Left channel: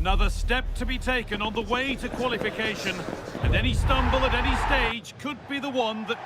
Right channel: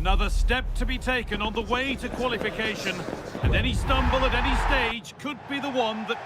Another step to be taken on the way to qualification, and any stumble at any stage could be the one that...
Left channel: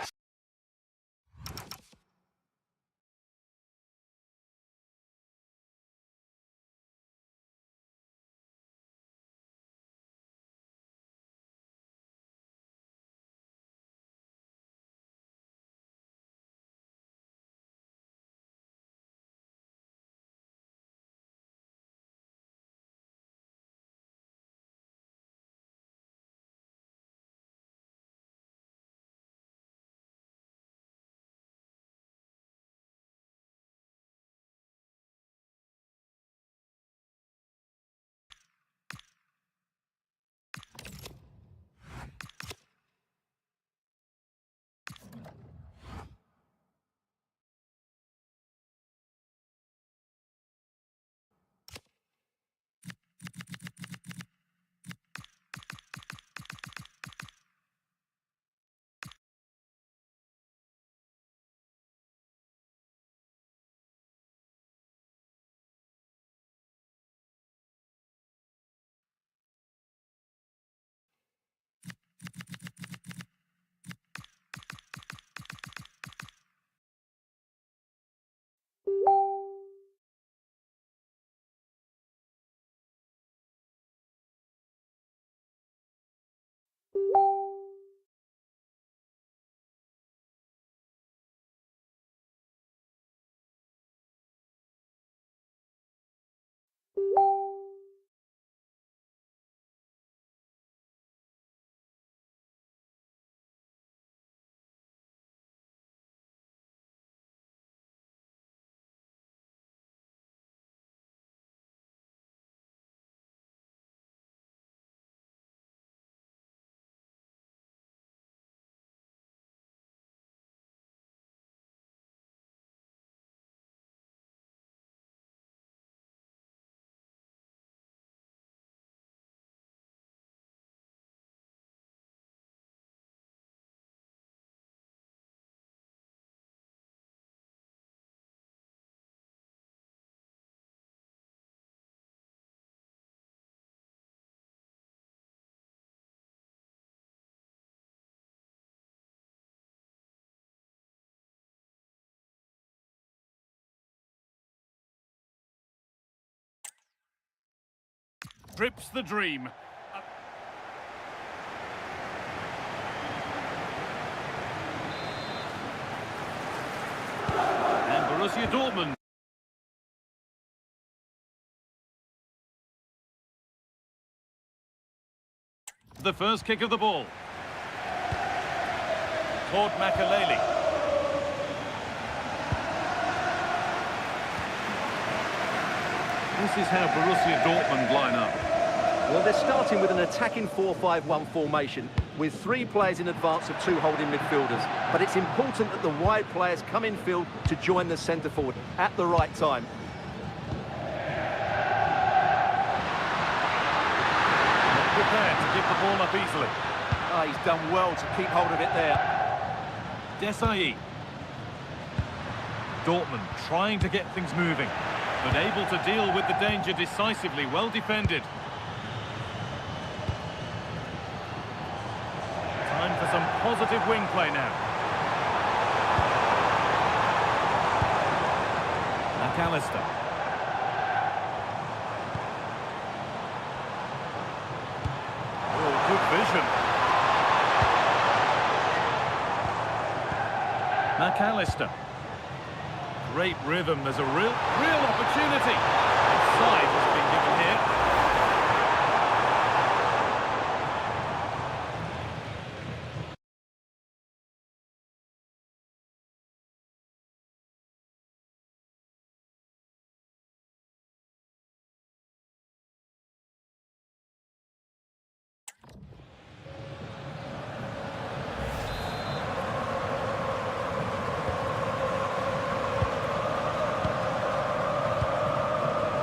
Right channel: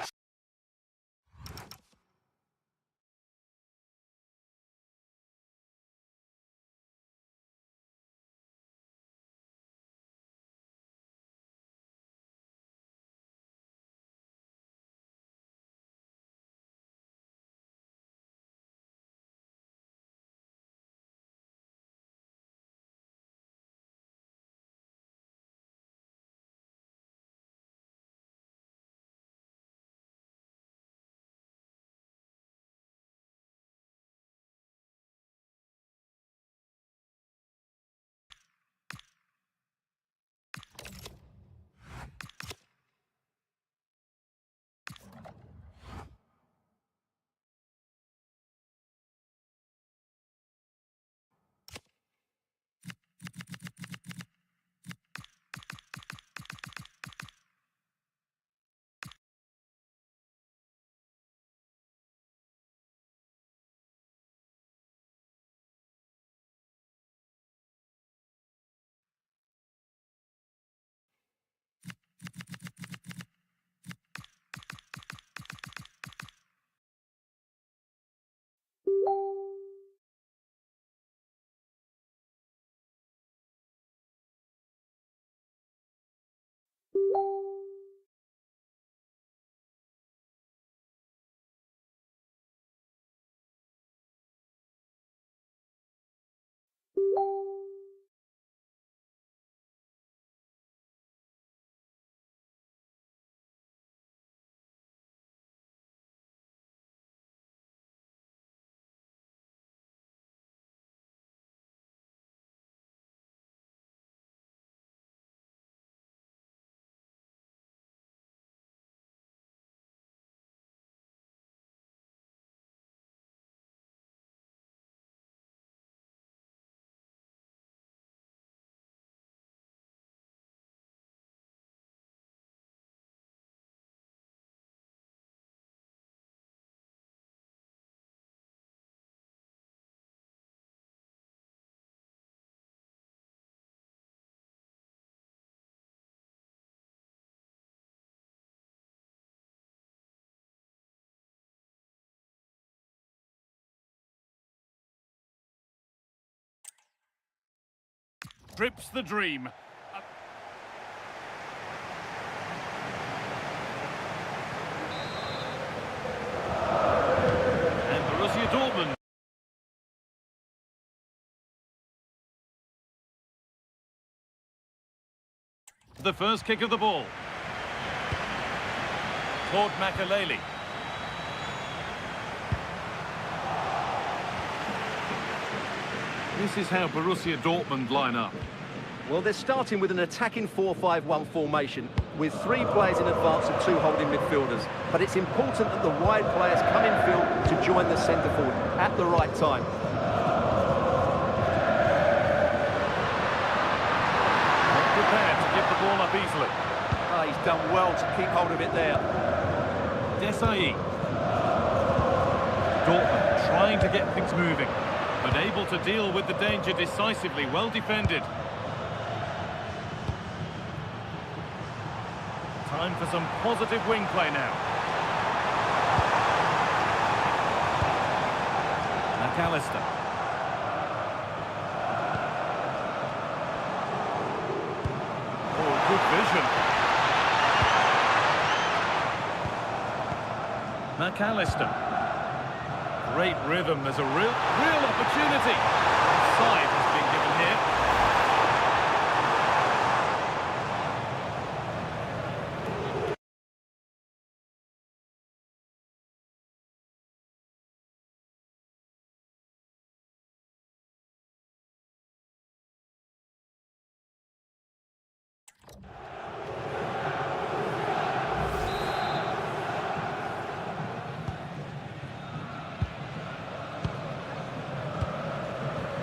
Trips the dream. And Borussia Dortmund. The first kick of the ball. Toward Makaleli. This is how Borussia Dortmund line up. Well, they're starting with an attacking 4-5-1 formation with 3 players in advance of 2 holding midfielders. But it's important that the wide players come in field to join the centre forward at the right time. Not prepared to give the ball up easily. He's done well to keep hold of it there. Desai. Dortmund trying to get things moving, but able to deal with the danger decisively. Well defended. Time for some positive wing play now. McAllister. Oh, good vision. McAllister. Great rhythm. There's a real opportunity. Offside has been given here.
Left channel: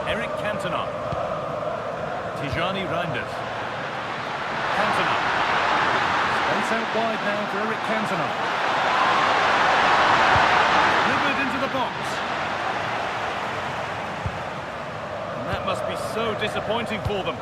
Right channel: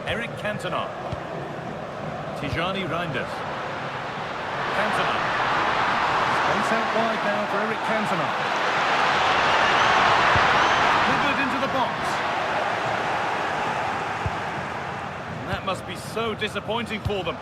Eric Cantona. Tijani Reinders. Cantona. Space out wide now for Eric Cantona. Delivered into the box. And that must be so disappointing for them.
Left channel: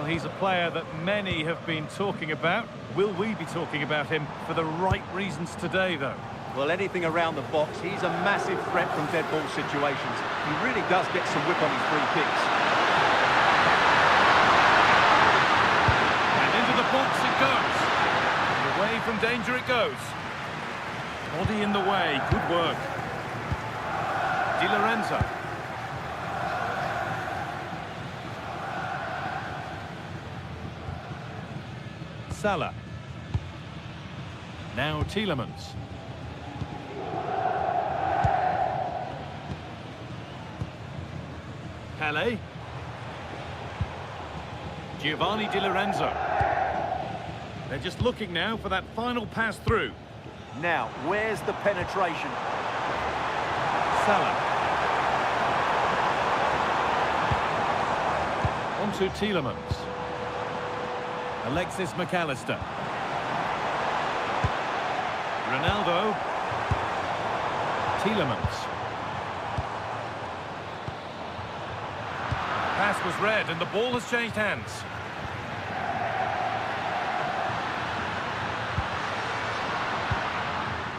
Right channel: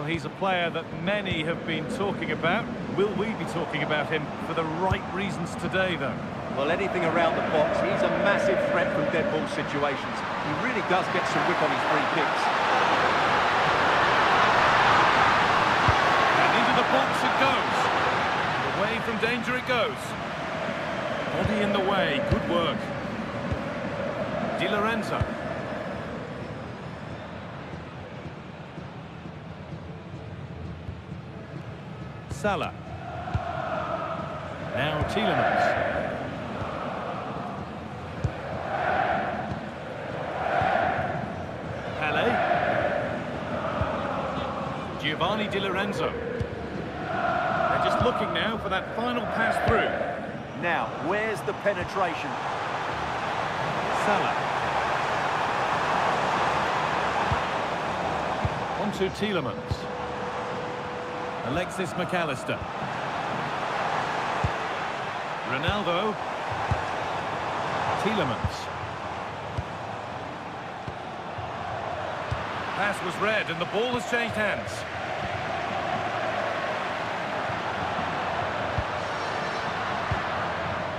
Well, he's a player that many have been talking about. Will we be talking about him for the right reasons today, though? Well, anything around the box, he's a massive threat from dead ball situations. He really does get some whip on his free kicks. And into the box it goes. And away from danger it goes. Body in the way, good work. Di Lorenzo. Salah. Now Tielemans. Pele. Giovanni Di Lorenzo. They're just looking now for that final pass through. Now, where's the penetration? Salah. On to Tielemans. Alexis McAllister. Ronaldo. Tielemans. Pass was read and the ball has changed hands.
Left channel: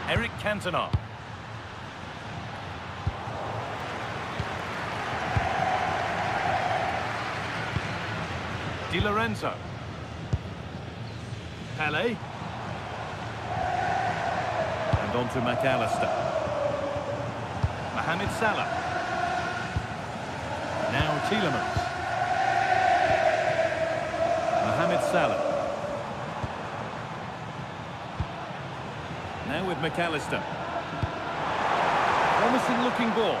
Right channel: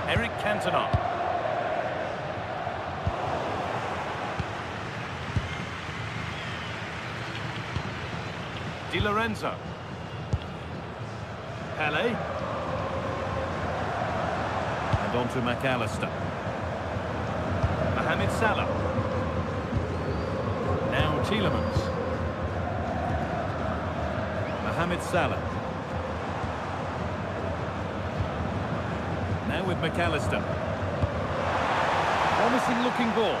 Eric Cantona. Di Lorenzo. Pele. And on to McAllister. Mohamed Salah. Now Tielemans. Mohamed Salah. Now with McAllister. Promising looking ball.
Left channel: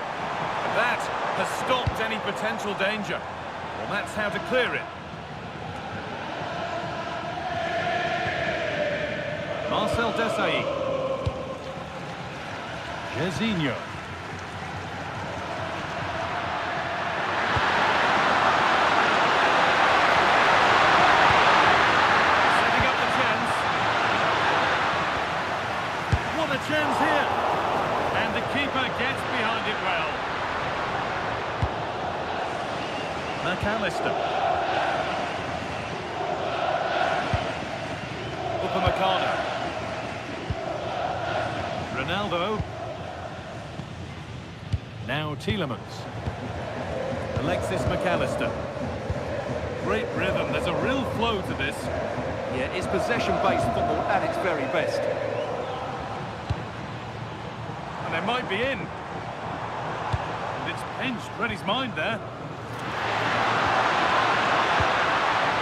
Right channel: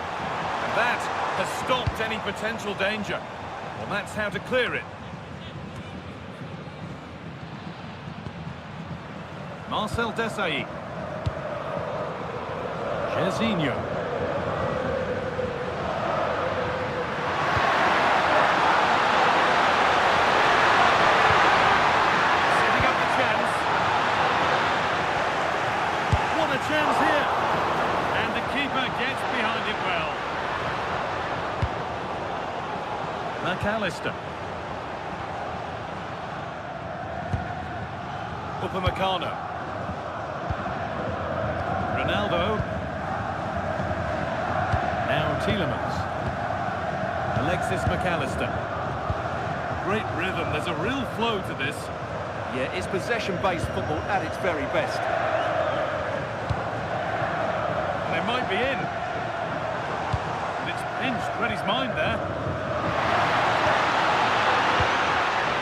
And that has stopped any potential danger. Well, that's how to clear it. Marcel Desailly. Jorginho. Setting up the chance. What a chance here. And the keeper gets behind it well. McAllister. Upamecano. Ronaldo. Now Tielemans. Alexis McAllister. Great rhythm, there's a real flow to this. Yeah, it's possession-based football at its very best. And they might be in. And it's pinched, read his mind there.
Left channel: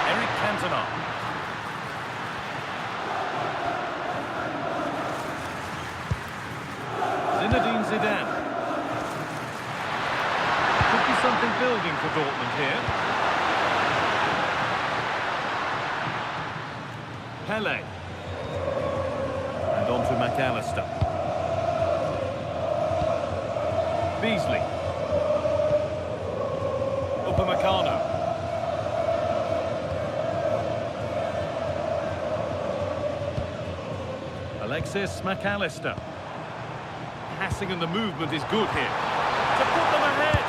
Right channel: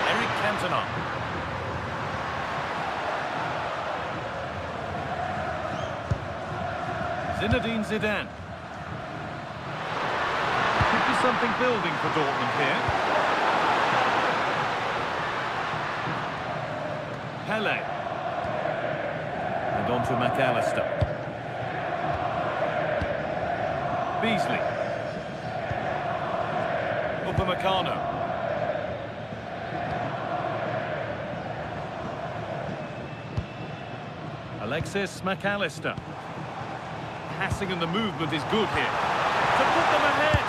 Eric Cantona. Zinedine Zidane. Could be something building for Dortmund here. Pele. And on to McAllister. Beasley. Upamecano. Alexis McAllister. Passing and the movement is good here. To put them ahead.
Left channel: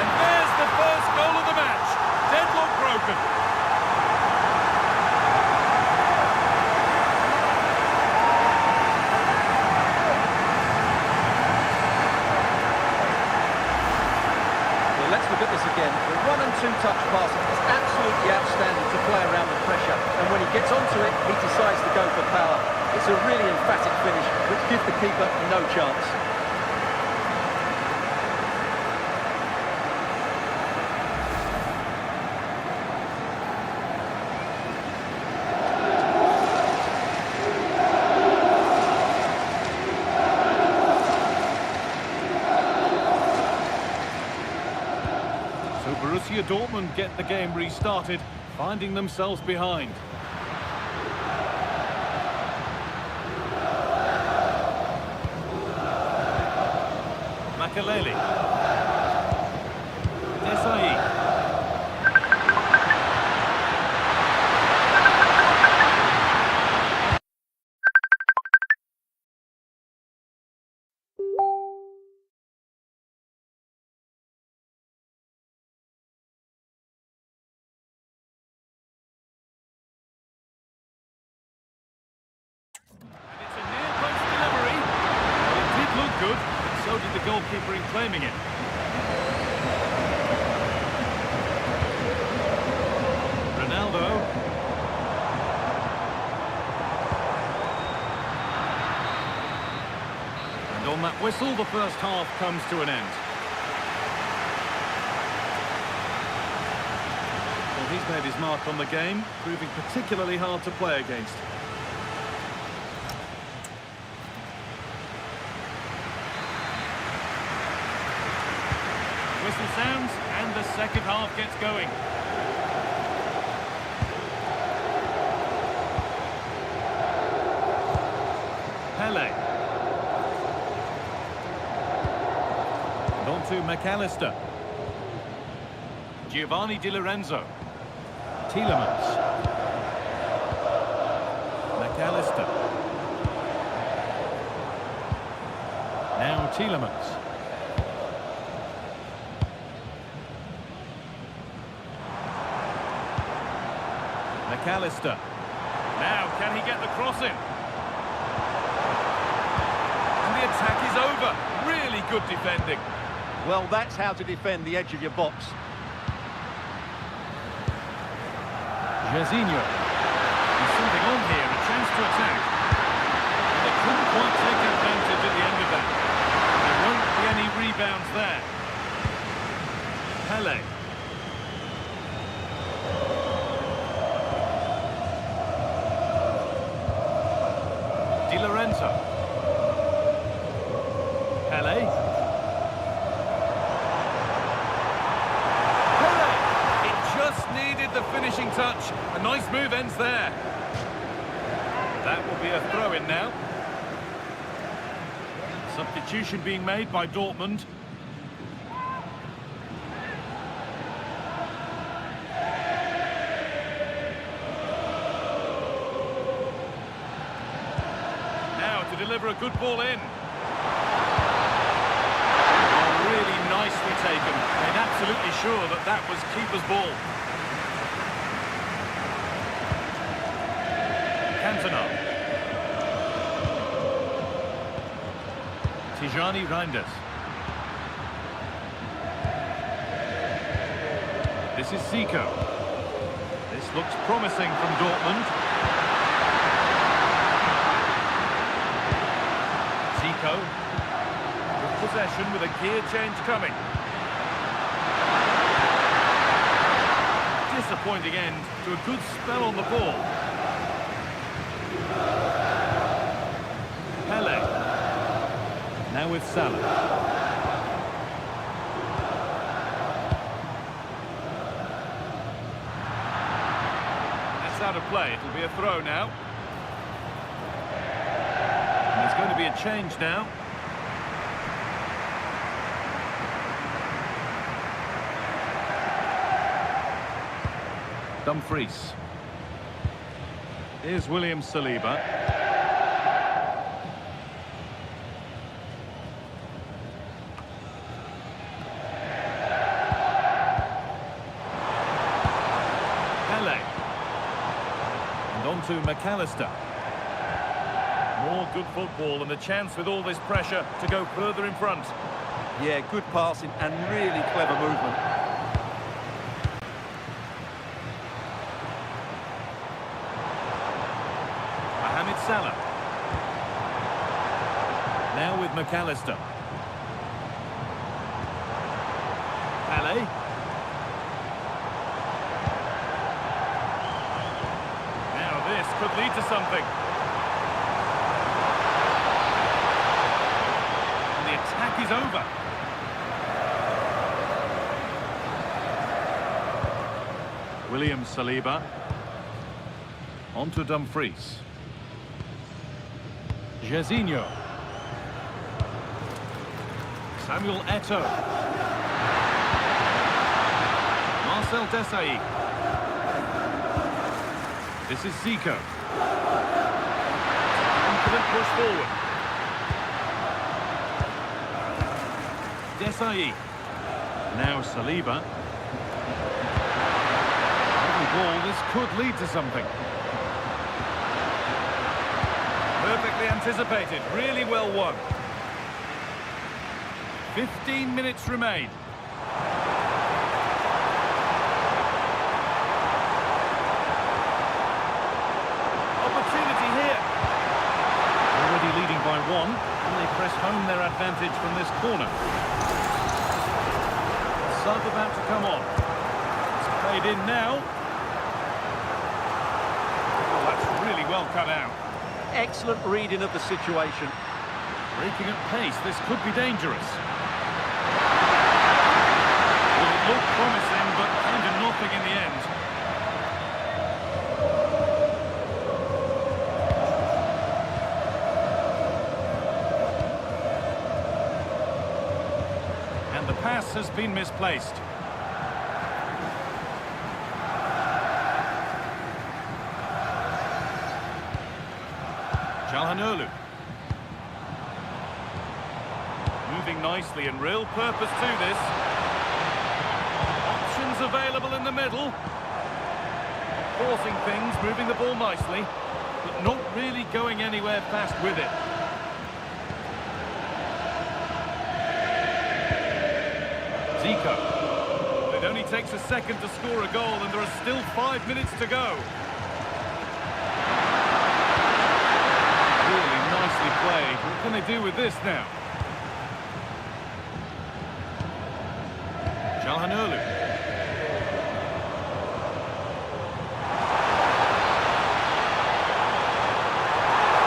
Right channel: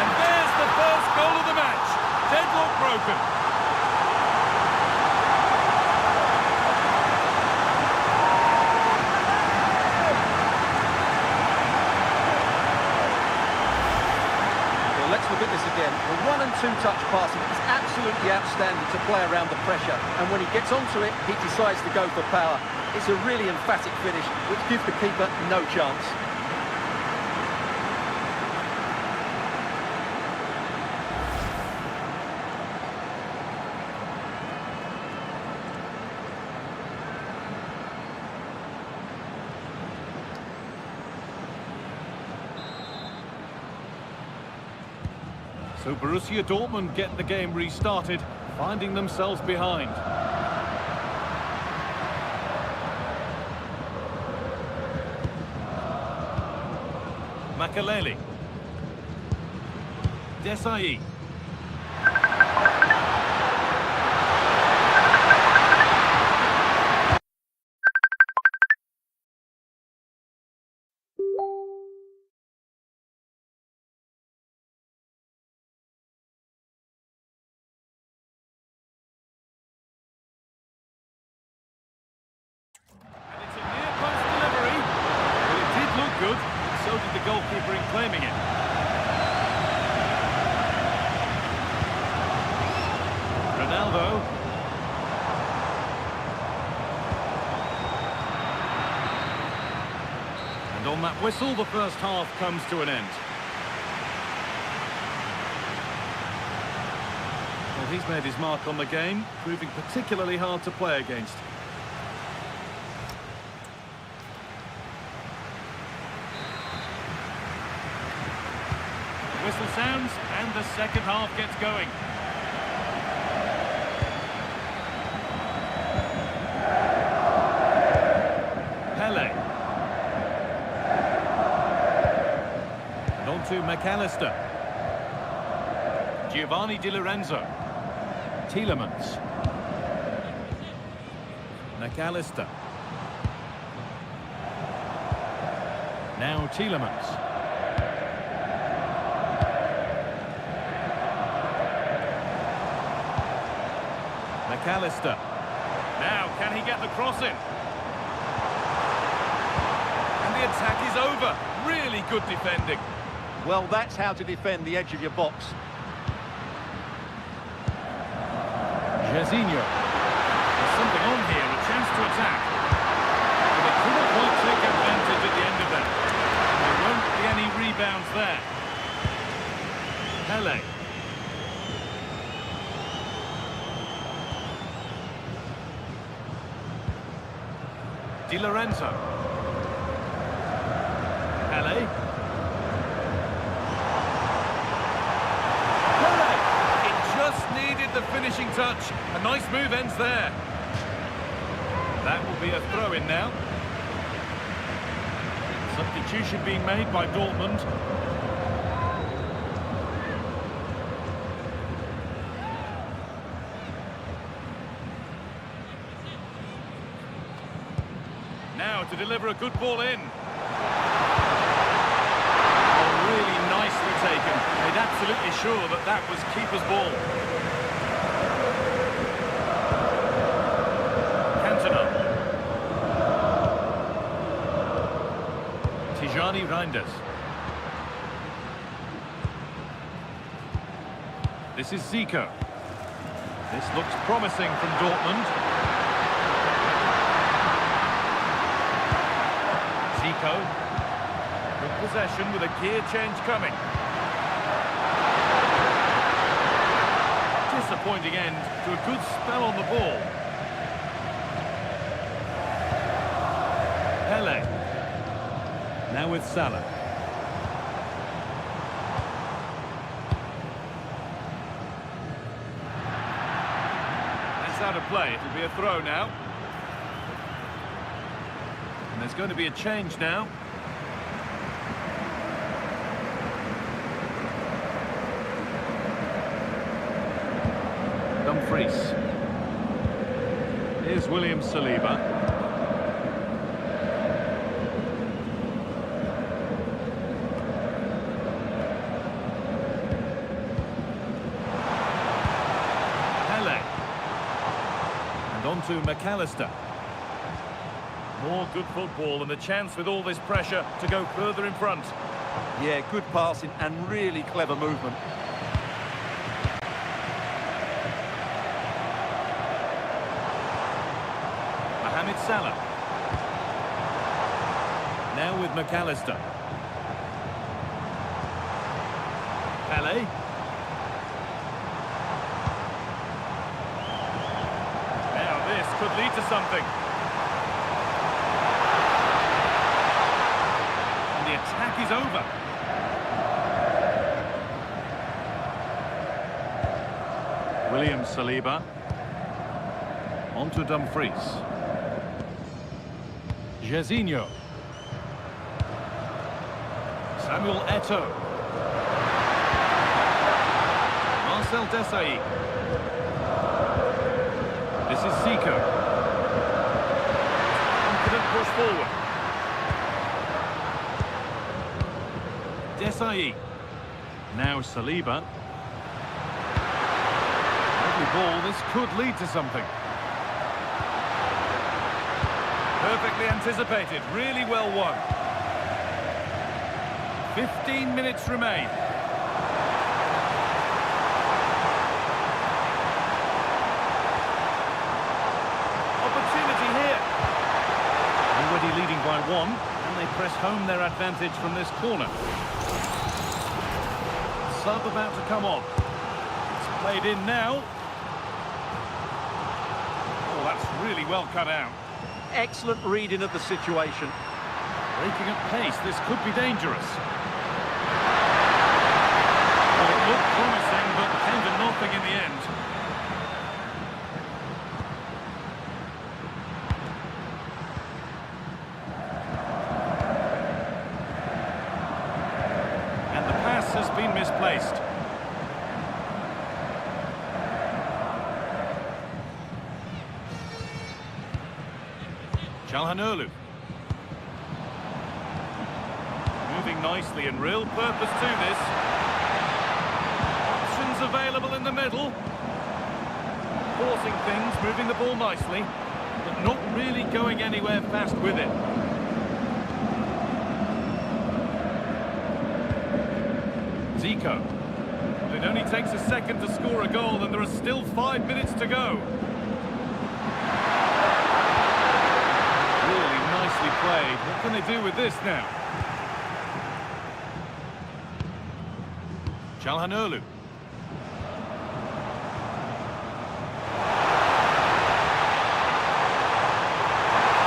And there's the first goal of the match. Deadlock broken. Well, let's look at this again. The 1- and 2-touch passing is absolutely outstanding to play around the pressure. And when he gets onto it, he decides to go for power. It's a really emphatic finish, which gives the keeper no chance. So Borussia Dortmund get the game restarted, finding themselves behind. Makelele. Desailly. good, but so did the goalkeeper in claiming it. Ronaldo. And on that whistle, the first half comes to an end. Well, he's made his mark on the game, proving particularly hard to play against. The whistle sounds, and the second half gets going. Pele. And on to McAllister. Giovanni Di Lorenzo. Tielemans. McAllister. Now Tielemans. McAllister. Now, can he get the cross in? And the attack is over. Really good defending. Well, that's how to defend the edge of your box. Jairzinho. There's something on here, a chance to attack. Well, they couldn't quite take advantage at the end of that. And there won't be any rebounds there. Pele. Di Lorenzo. Pele. Just needed the finishing touch. A nice move ends there. That will be a throw-in now. Substitution being made by Dortmund. Now to deliver a good ball in. Really nicely taken. Made absolutely sure that that was keeper's ball. Cantona. Tijani Reinders. This is Zico. This looks promising from Dortmund. Zico. Good possession with a gear change coming. Disappointing end to a good spell on the ball. Pele. Now with Salah. That's out of play. It'll be a throw now. And there's going to be a change now. Dumfries. Here's William Saliba. Pele. And on to McAllister. More good football and a chance with all this pressure to go further in front. Yeah, good passing and really clever movement. Mohamed Salah. Now with McAllister. Pele. Now this could lead to something. And the attack is over. William Saliba. On to Dumfries. Jairzinho. Samuel Eto'o. Marcel Desailly. This is Zico. Confident push forward. Desailly. Now Saliba. Lovely ball. This could lead to something. Perfectly anticipated, really well won. 15 minutes remain. Opportunity here. Already leading by one, and they press home their advantage from this corner. Sub about to come on. It's played in now. Oh, that's really well cut out. Excellent reading of the situation. Breaking at pace, this could be dangerous. Well, it looked promising, but came to nothing in the end. And the pass has been misplaced. Calhanoglu. Moving nicely and real purpose to this. Options available in the middle. Forcing things, moving the ball nicely, but not really going anywhere fast with it. Zico. It only takes a second to score a goal and there are still 5 minutes to go. Really nicely played. What can they do with this now? Calhanoglu.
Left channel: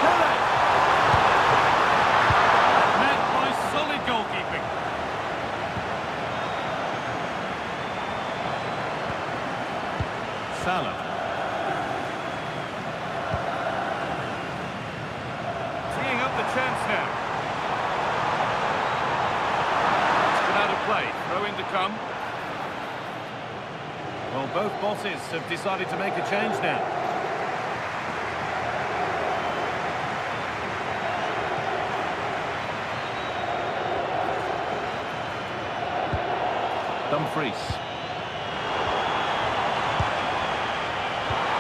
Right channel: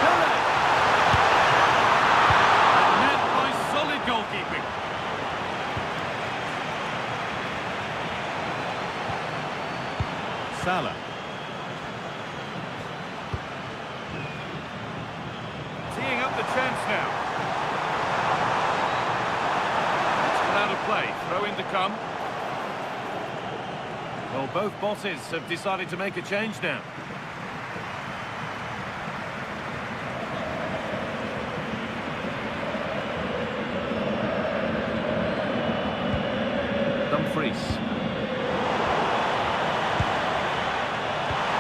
Pele! And met by solid goalkeeping. Salah. Teeing up the chance now. It's put out of play. Throw in to come. Well, both bosses have decided to make a change now. Dumfries.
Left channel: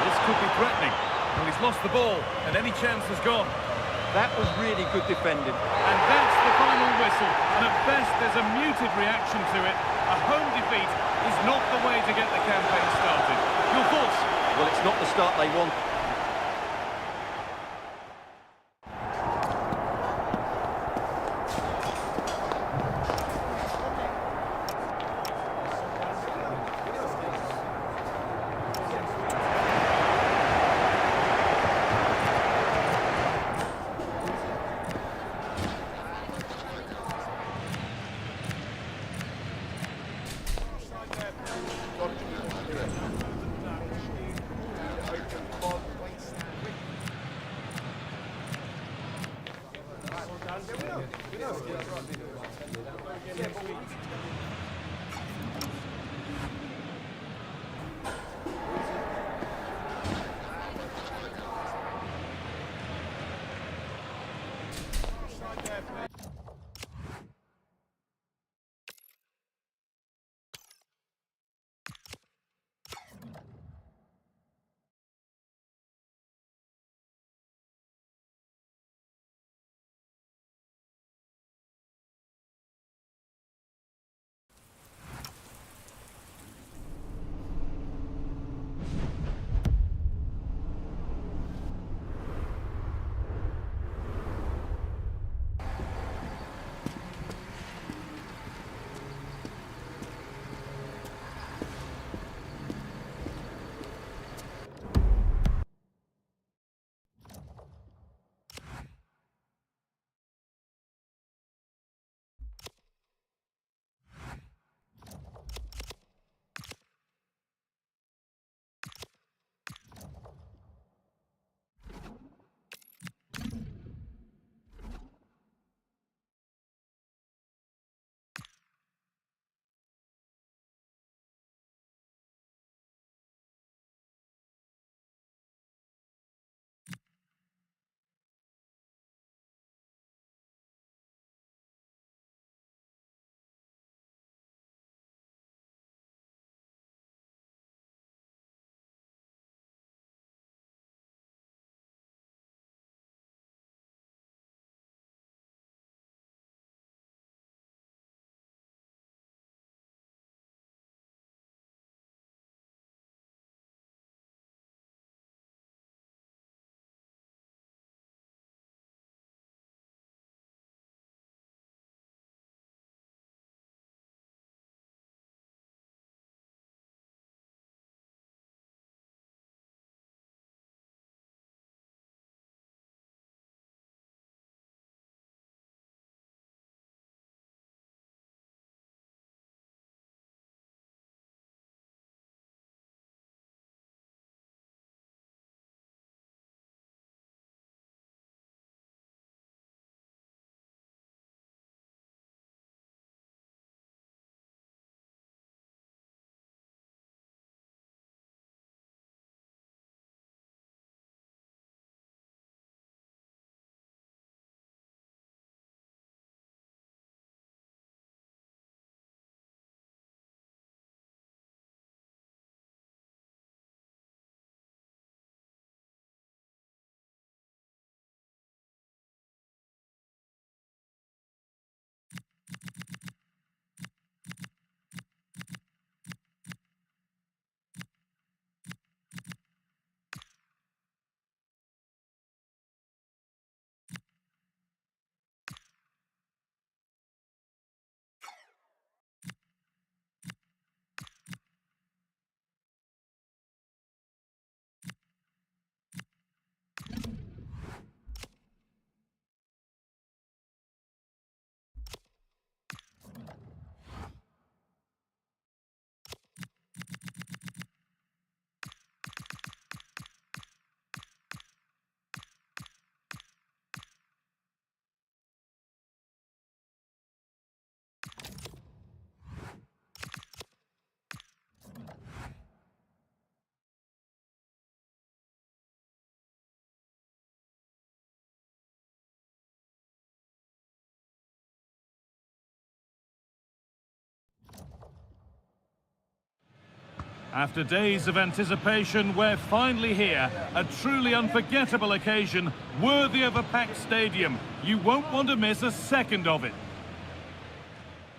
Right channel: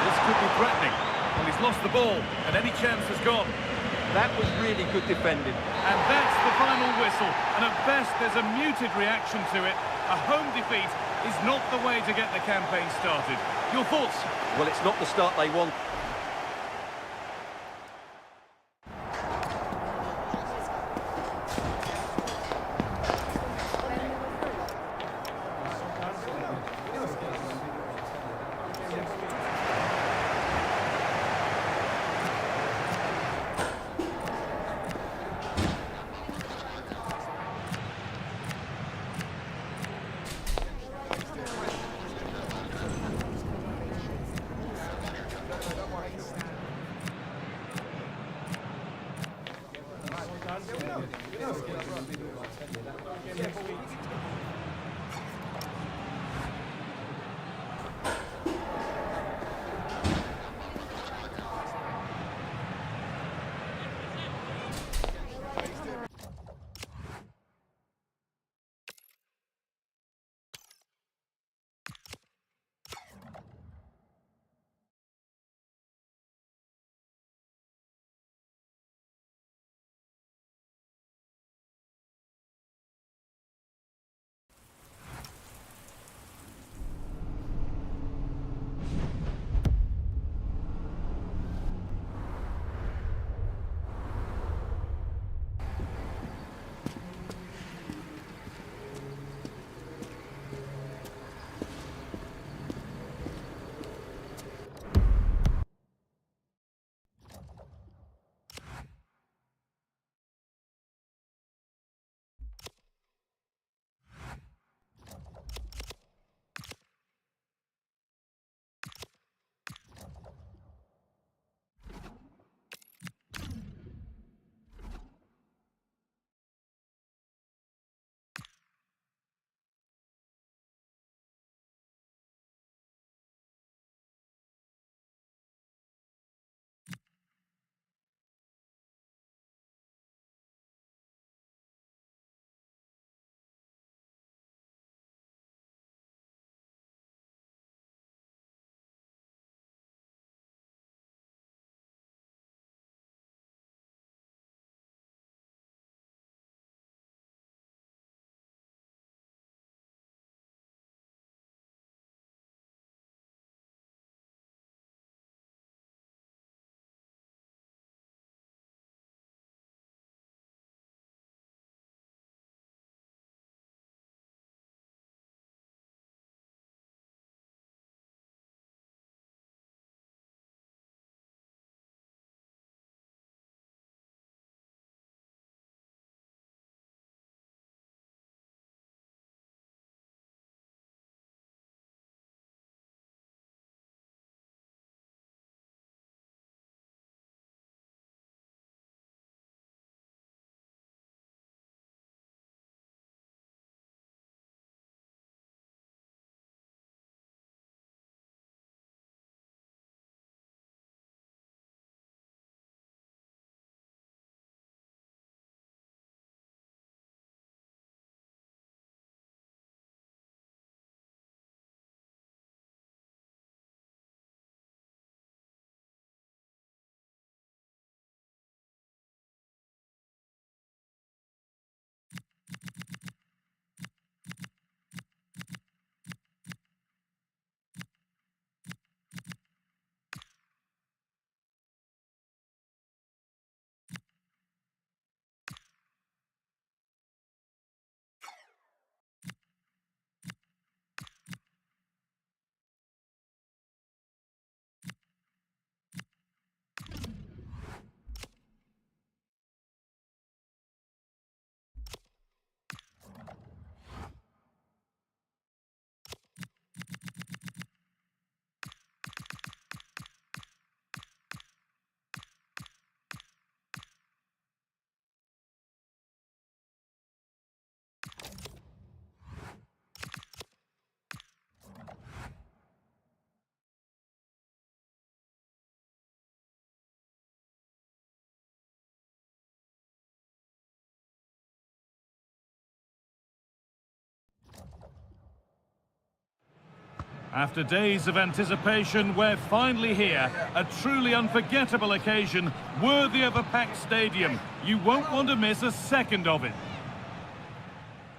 This could be threatening. Well, he's lost the ball, and any chance has gone. That was really good defending. And that's the final whistle. And at best, there's a muted reaction to it. A home defeat is not the way to get the campaign started. Your thoughts? Well, it's not the start they want. After days of anticipation, we're finally here. A truly unforgettable occasion, worthy of a packed stadium. You won't want to miss a second of it.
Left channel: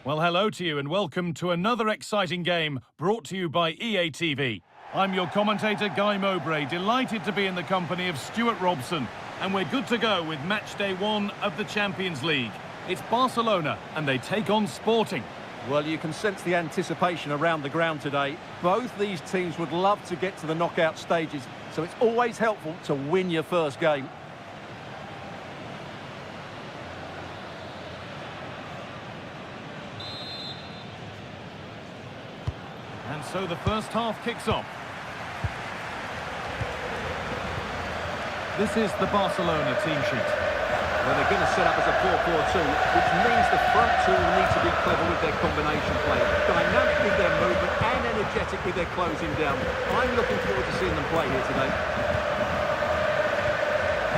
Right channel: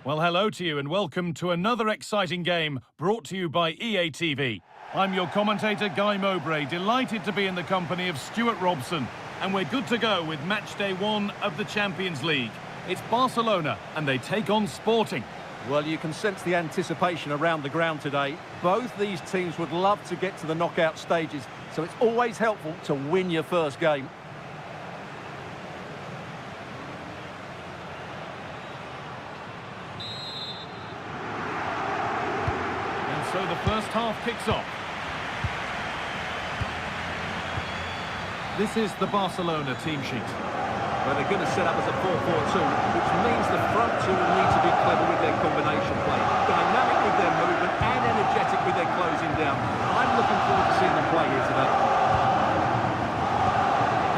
Well, hello to you and welcome to another exciting game brought to you by EA TV. I'm your commentator, Guy Mowbray, delighted to be in the company of Stuart Robson. And we're good to go with match day 1 of the Champions League. It's Barcelona and they take on Sporting. Well, you can sense the anticipation around the ground today. Both these teams would love to get to the knockout stages, so it's always helpful to win your first game. And so the first half kicks off. This is the Barcelona team sheet. Well, they're going to set up as a 4-4-2, which means the front two will need to be clever with their combination play, dynamic with their movement and energetic with their closing down. I'm looking forward to seeing them play here today.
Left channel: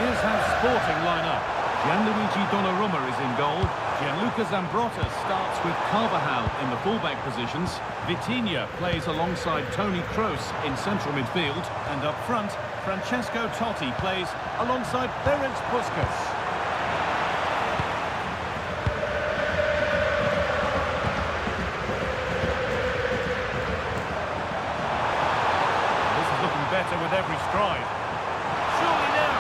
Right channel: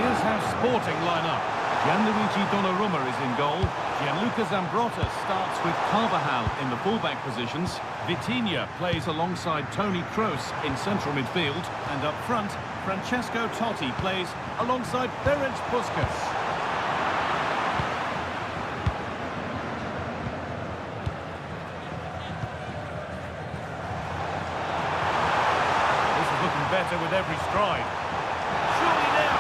Here's how Sporting line up. Gianluigi Donnarumma is in goal. Gianluca Zambrotta starts with Carvajal in the fullback positions. Vitinha plays alongside Toni Kroos in central midfield. And up front, Francesco Totti plays alongside Ferenc Puskas. Better with every stride. Surely now.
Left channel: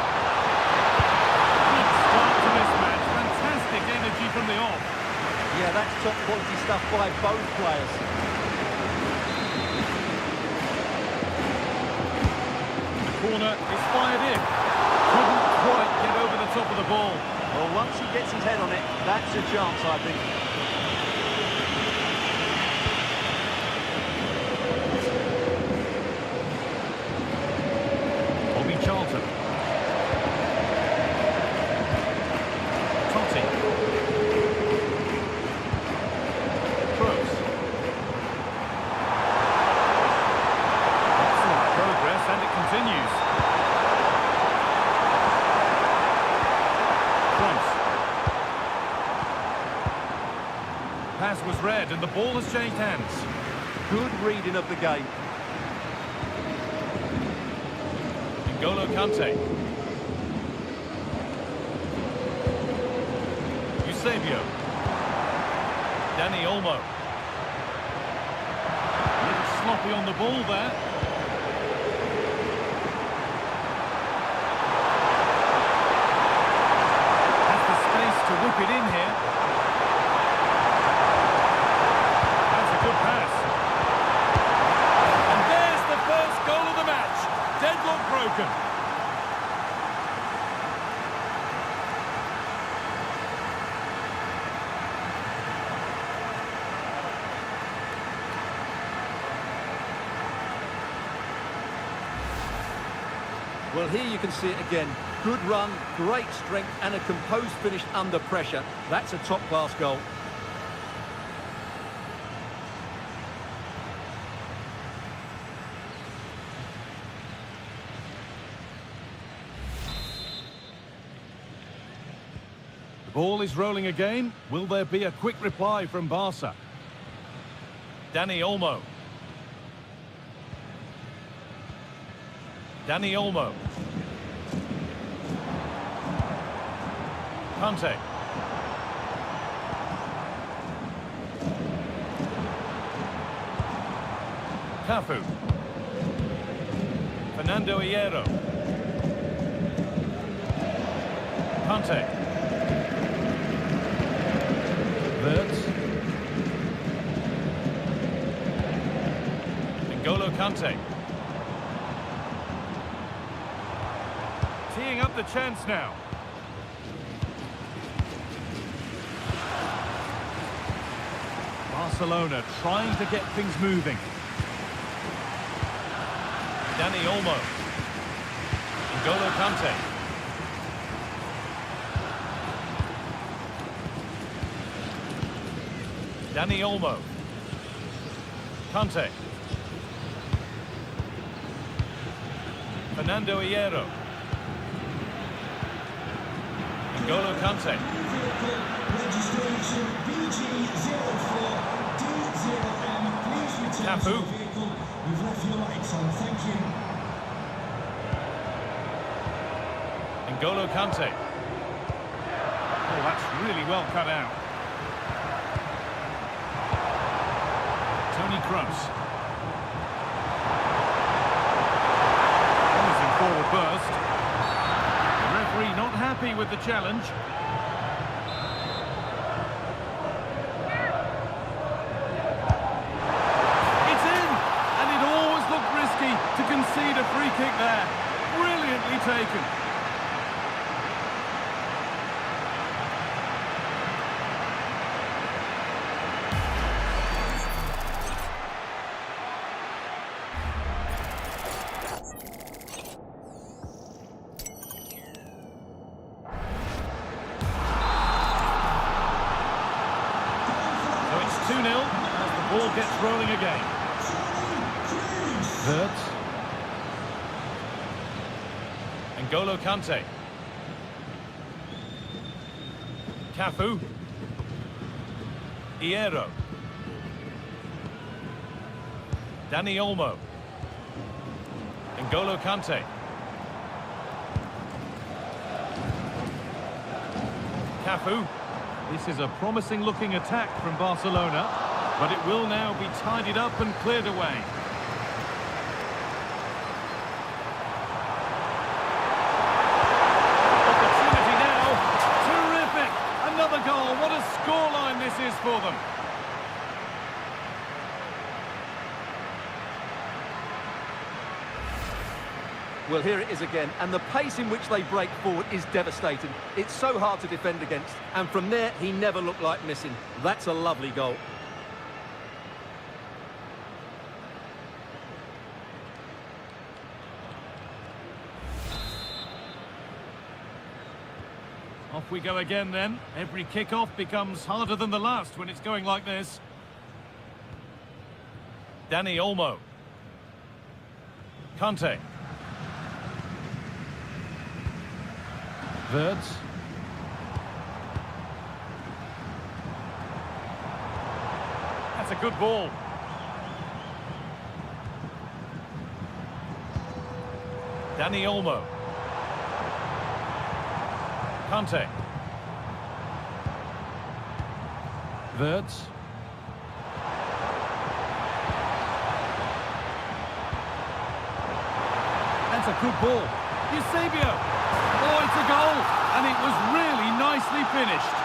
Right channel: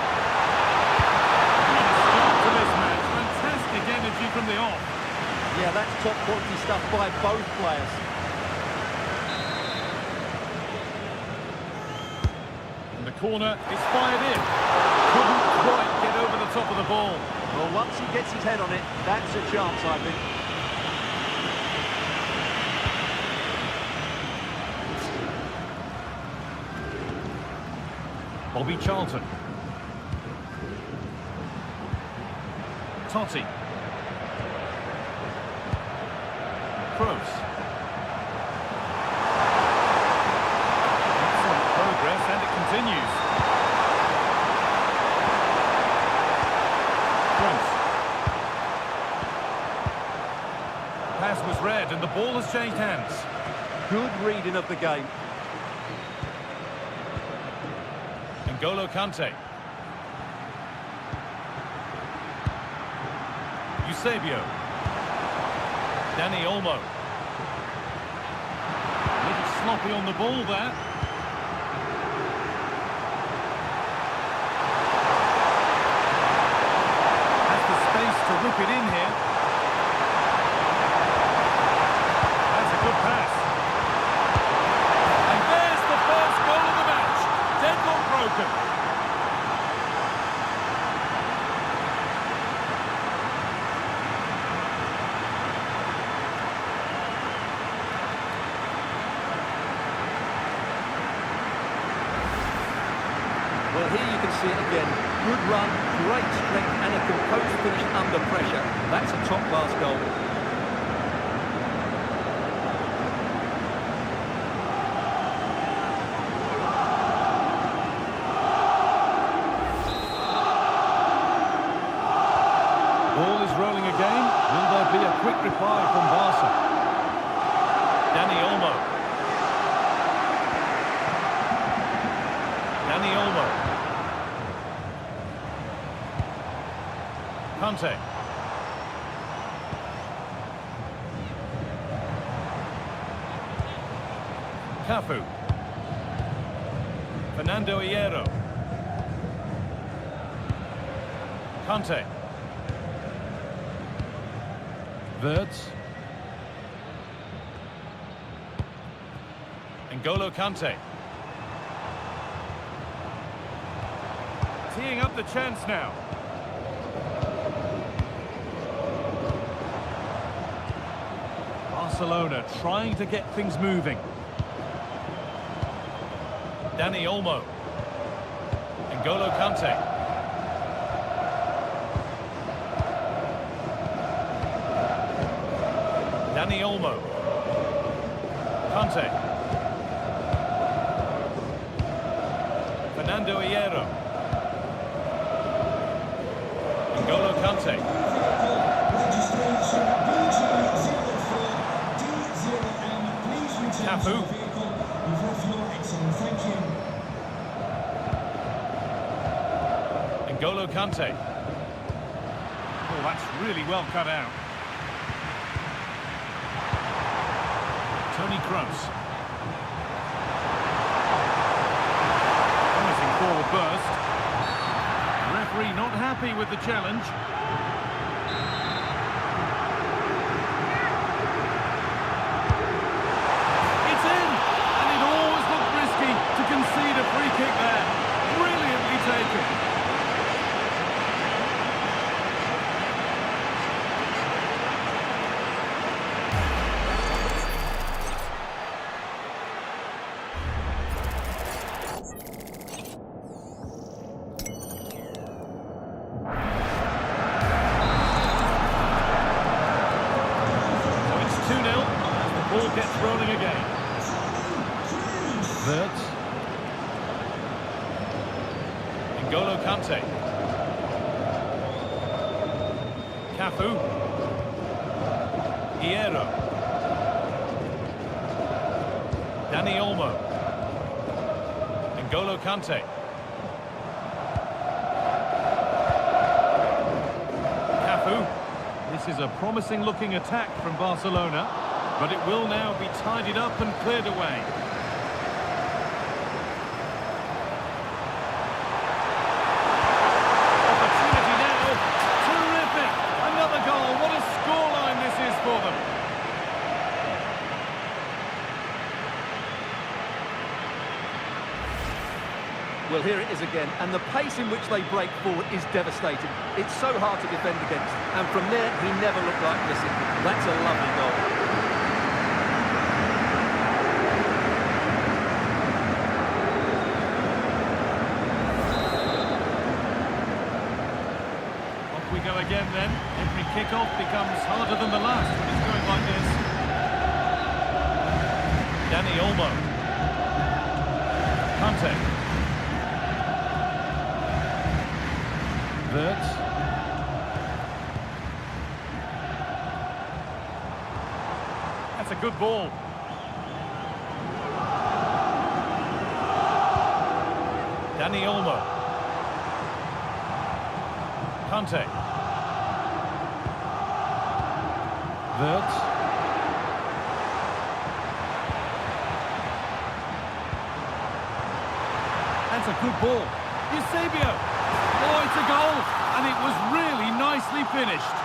What a start to this match. Fantastic energy from the off. Yeah, that's top quality stuff by both players. And the corner is fired in. Couldn't quite get over the top of the ball. Well, once he gets his head on it, that's a chance, I think. Bobby Charlton. Totti. Kroos. Excellent progress and it continues. Kroos. Pass was read and the ball has changed hands. Good reading of the game. N'Golo Kante. Eusebio. Dani Olmo. A little sloppy on the ball there. Has the space to whip it in here. That's a good pass. And there's the first goal of the match. Deadlock broken. Well, here you can see it again. Good run, great strength and a composed finish under pressure. That's a top-class goal. Ball is rolling again. Will there be a quick reply from Barca? Dani Olmo. Dani Olmo. Kante. Cafu. Fernando Hierro. Kante. Wirtz. N'Golo Kante. Teeing up the chance now. Barcelona trying to get things moving. Dani Olmo. N'Golo Kante. Dani Olmo. Kante. Fernando Hierro. N'Golo Kante. Cafu. You've left your lights on, thank you. N'Golo Kante. Oh, that's really well cut out. Toni Kroos. Promising forward burst. The referee not happy with the challenge. It's in! And it always looked risky to concede a free kick there. Brilliantly taken. So it's 2-0 as the ball gets rolling again. Wirtz. N'Golo Kante. Cafu. Hierro. Dani Olmo. N'Golo Kante. Cafu. This is a promising looking attack from Barcelona, but it will now be tidied up and cleared away. Opportunity now. Terrific. Another goal. What a scoreline this is for them. Well, here it is again, and the pace in which they break forward is devastating. It's so hard to defend against, and from there, he never looked like missing. That's a lovely goal. Off we go again then. Every kick-off becomes harder than the last when it's going like this. Dani Olmo. Kante. Wirtz. That's a good ball. Dani Olmo. Kante. Wirtz. That's a good ball. Eusebio. Oh, it's a goal, and it was really nicely finished.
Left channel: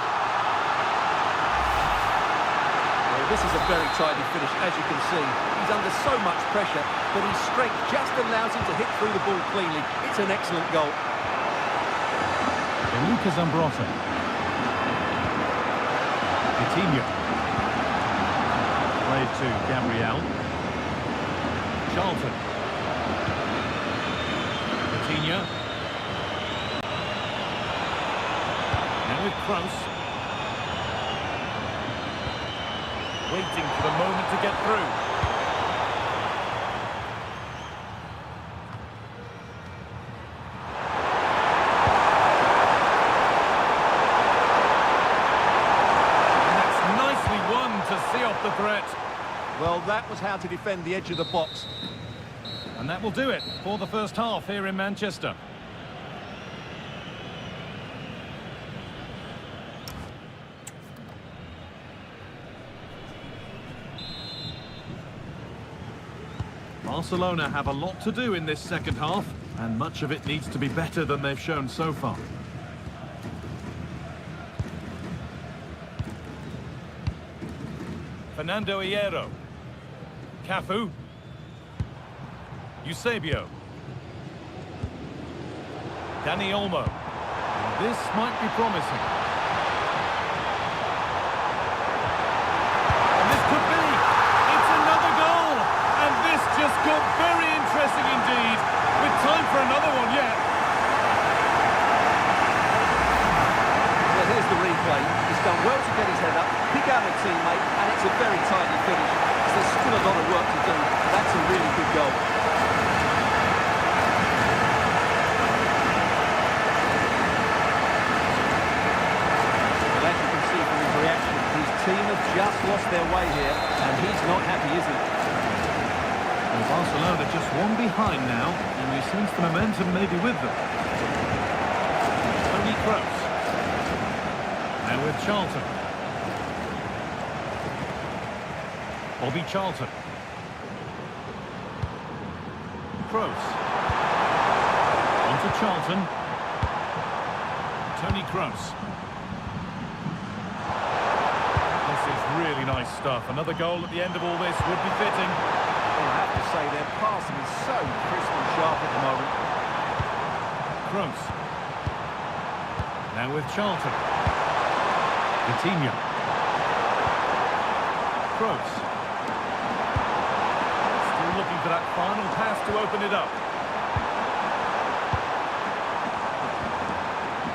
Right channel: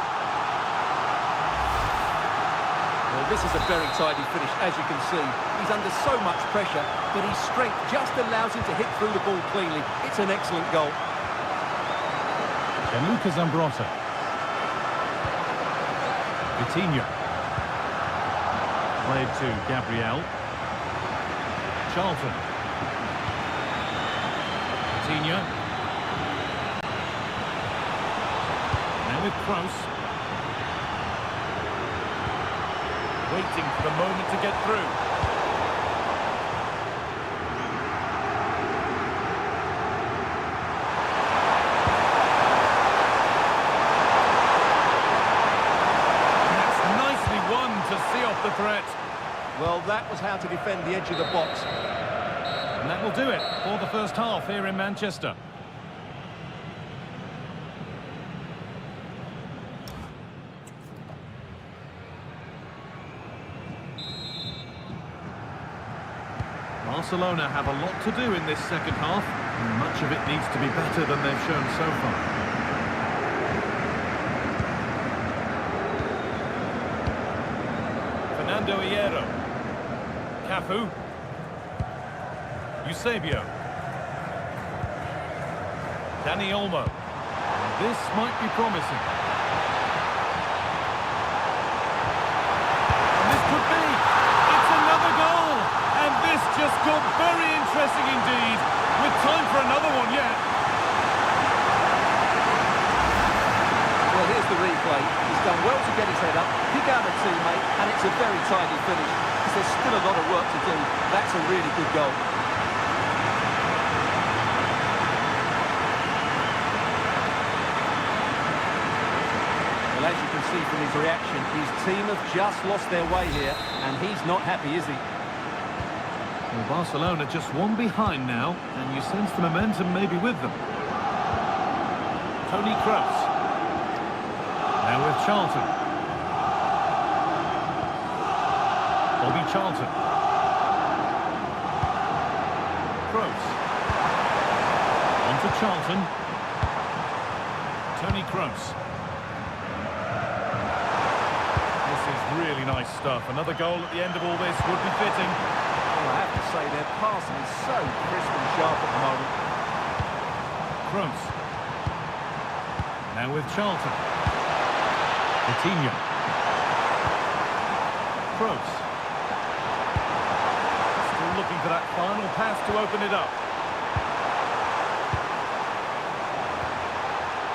Well, this is a very tidy finish, as you can see. He's under so much pressure, but his strength just allows him to hit through the ball cleanly. It's an excellent goal. Gianluca Zambrotta. Vitinha. Played to Gabriel. Charlton. Vitinha. Now with Kroos. Waiting for the moment to get through. And that's nicely won to see off the threat. Well, that was how to defend the edge of the box. And that will do it for the first half here in Manchester. Barcelona have a lot to do in this second half, and much of it needs to be better than they've shown so far. Fernando Hierro. Cafu. Eusebio. Dani Olmo. This might be promising. And this could be. It's another goal. And this just got very interesting indeed. With time for another one yet. Well, here's the replay. He's done well to get his head up, pick out a teammate, and it's a very tidy finish. Because there's still a lot of work to do. That's a really good goal. Well, as you can see from his reaction, his team have just lost their way here, and he's not happy, is he? Well, Barcelona just one behind now, and you sense the momentum may be with them. Toni Kroos. Now with Charlton. Bobby Charlton. Kroos. On to Charlton. Toni Kroos. This is really nice stuff. Another goal at the end of all this would be fitting. Well, I have to say their passing is so crisp and sharp at the moment. Kroos. Now with Charlton. Coutinho. Kroos. Still looking for that final pass to open it up.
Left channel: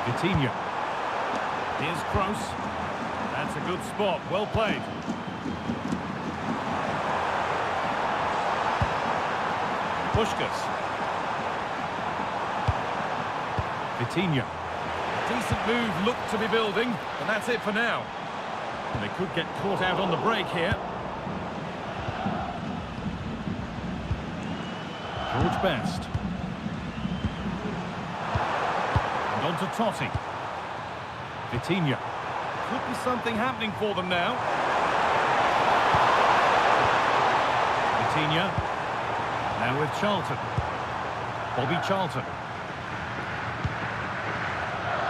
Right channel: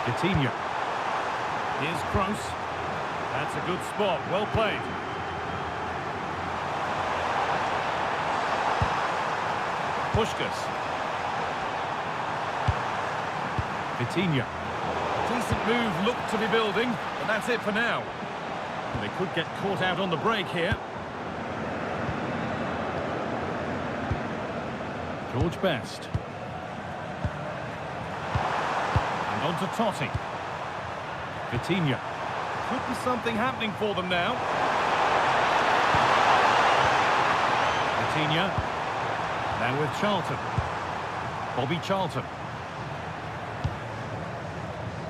Coutinho. Here's Kroos. That's a good spot. Well played. Puskás. Coutinho. Decent move looked to be building, but that's it for now. And they could get caught out on the break here. George Best. And on to Totti. Coutinho. Could be something happening for them now. Coutinho. Now with Charlton. Bobby Charlton.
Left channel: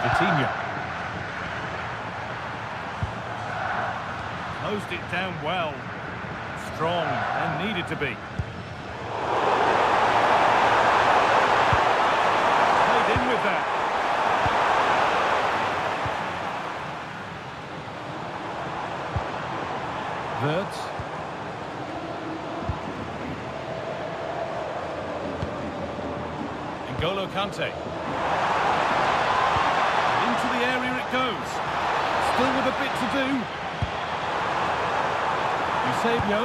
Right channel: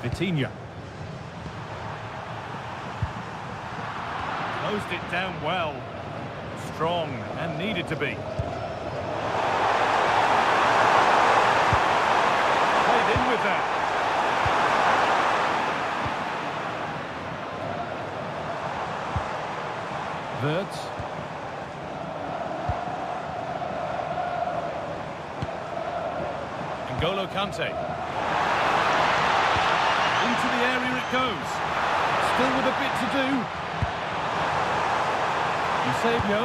Coutinho. Closed it down well. Strong and needed to be. Played in with that. Wirtz. N'Golo Kante. Into the area it goes. Still with a bit to do. Eusebio.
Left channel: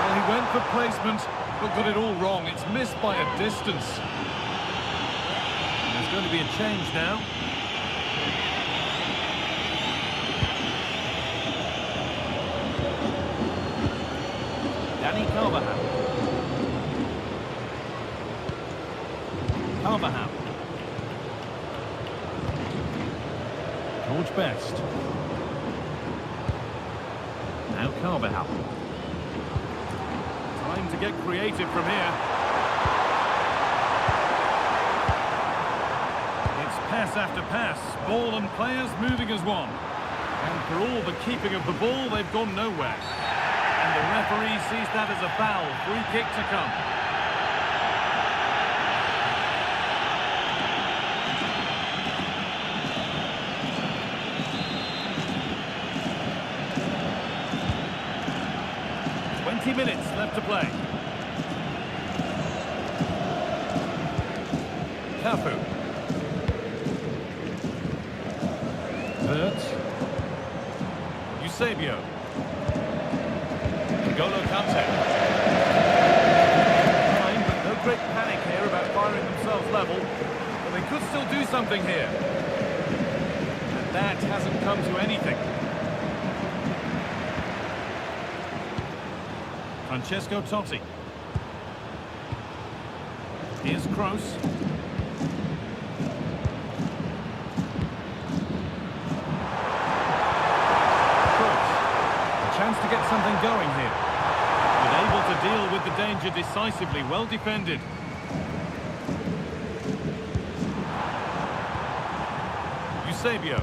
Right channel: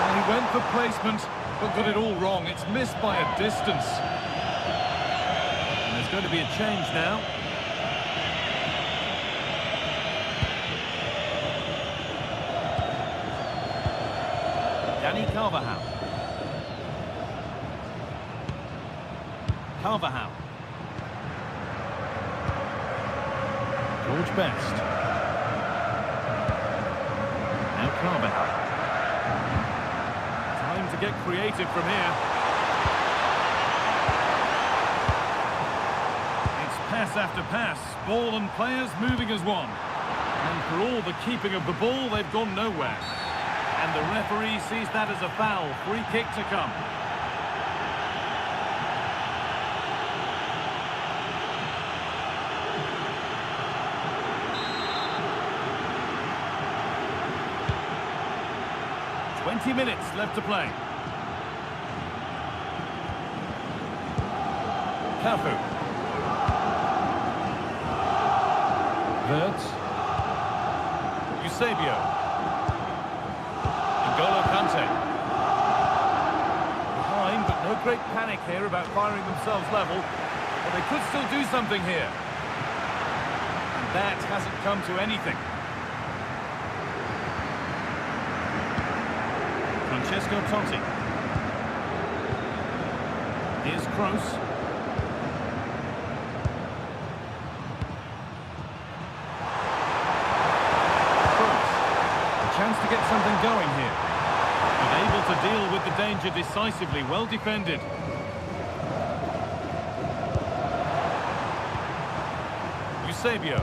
Well, he went for placement, but got it all wrong. It's missed by a distance. And there's going to be a change now. Dani Carvajal. Carvajal. George Best. Now Carvajal. Time to get creative from here. It's pass after pass. Ball and players moving as one. And for all the keeping of the ball, they've gone nowhere. And the referee sees that as a foul. Free kick to come. Minutes left to play. Cafu. Wirtz. Eusebio. N'Golo Kante. Fine, but no great panic here about firing themselves level. But they could still do something here. And that hasn't come to anything. Francesco Totti. Here's Kroos. Kroos. A chance to get something going here. But able to deal with the danger decisively. Well defended. Eusebio.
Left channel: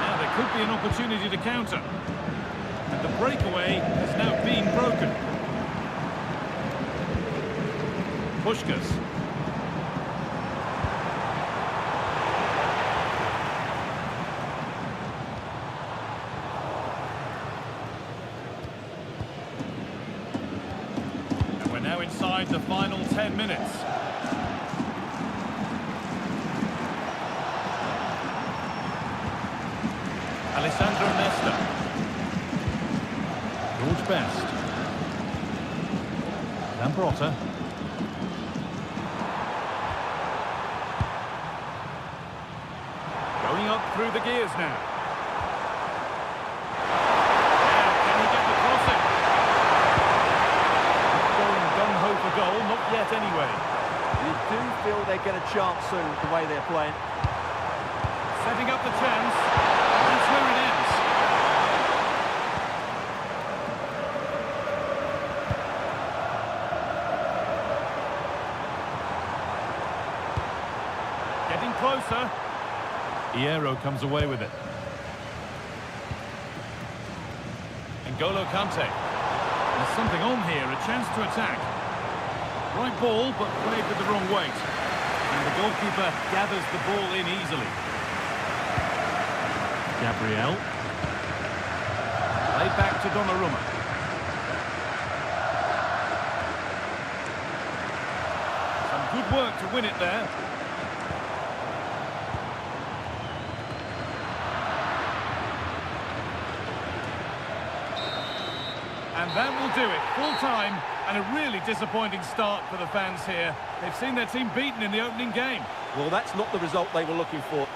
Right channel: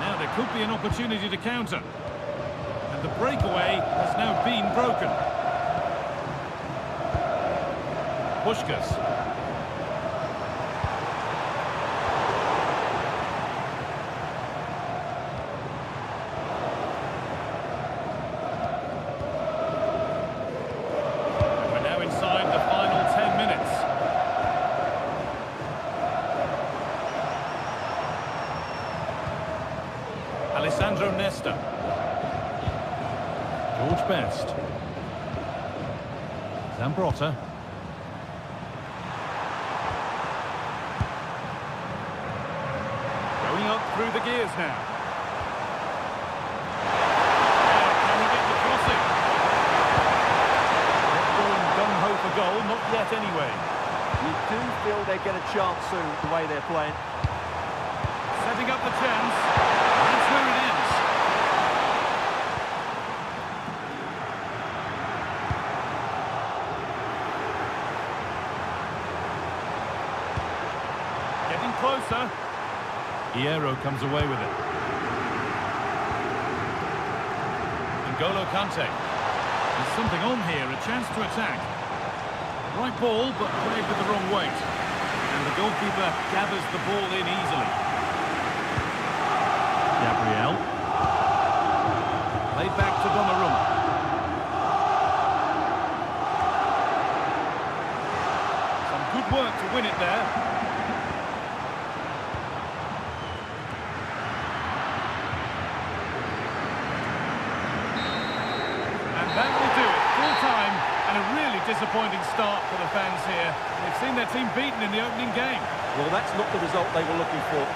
Now there could be an opportunity to counter. And the breakaway has now been broken. Puskás. And we're now inside the final 10 minutes. Alessandro Nesta. George Best. Zambrotta. Going up through the gears now. Now, can he get the crossing? Not yet, anyway. You do feel they get a chance soon, the way they're playing. Setting up the chance. That's where it ends. Getting closer. Hierro comes away with it. N'Golo Kante. There's something on here, a chance to attack. Right ball, but played with the wrong weight. And the goalkeeper gathers the ball in easily. Gabriel. Played back to Donnarumma. Some good work to win it there. And that will do it. Full time and a really disappointing start for the fans here. They've seen their team beaten in the opening game. Well, that's not the result they were looking for.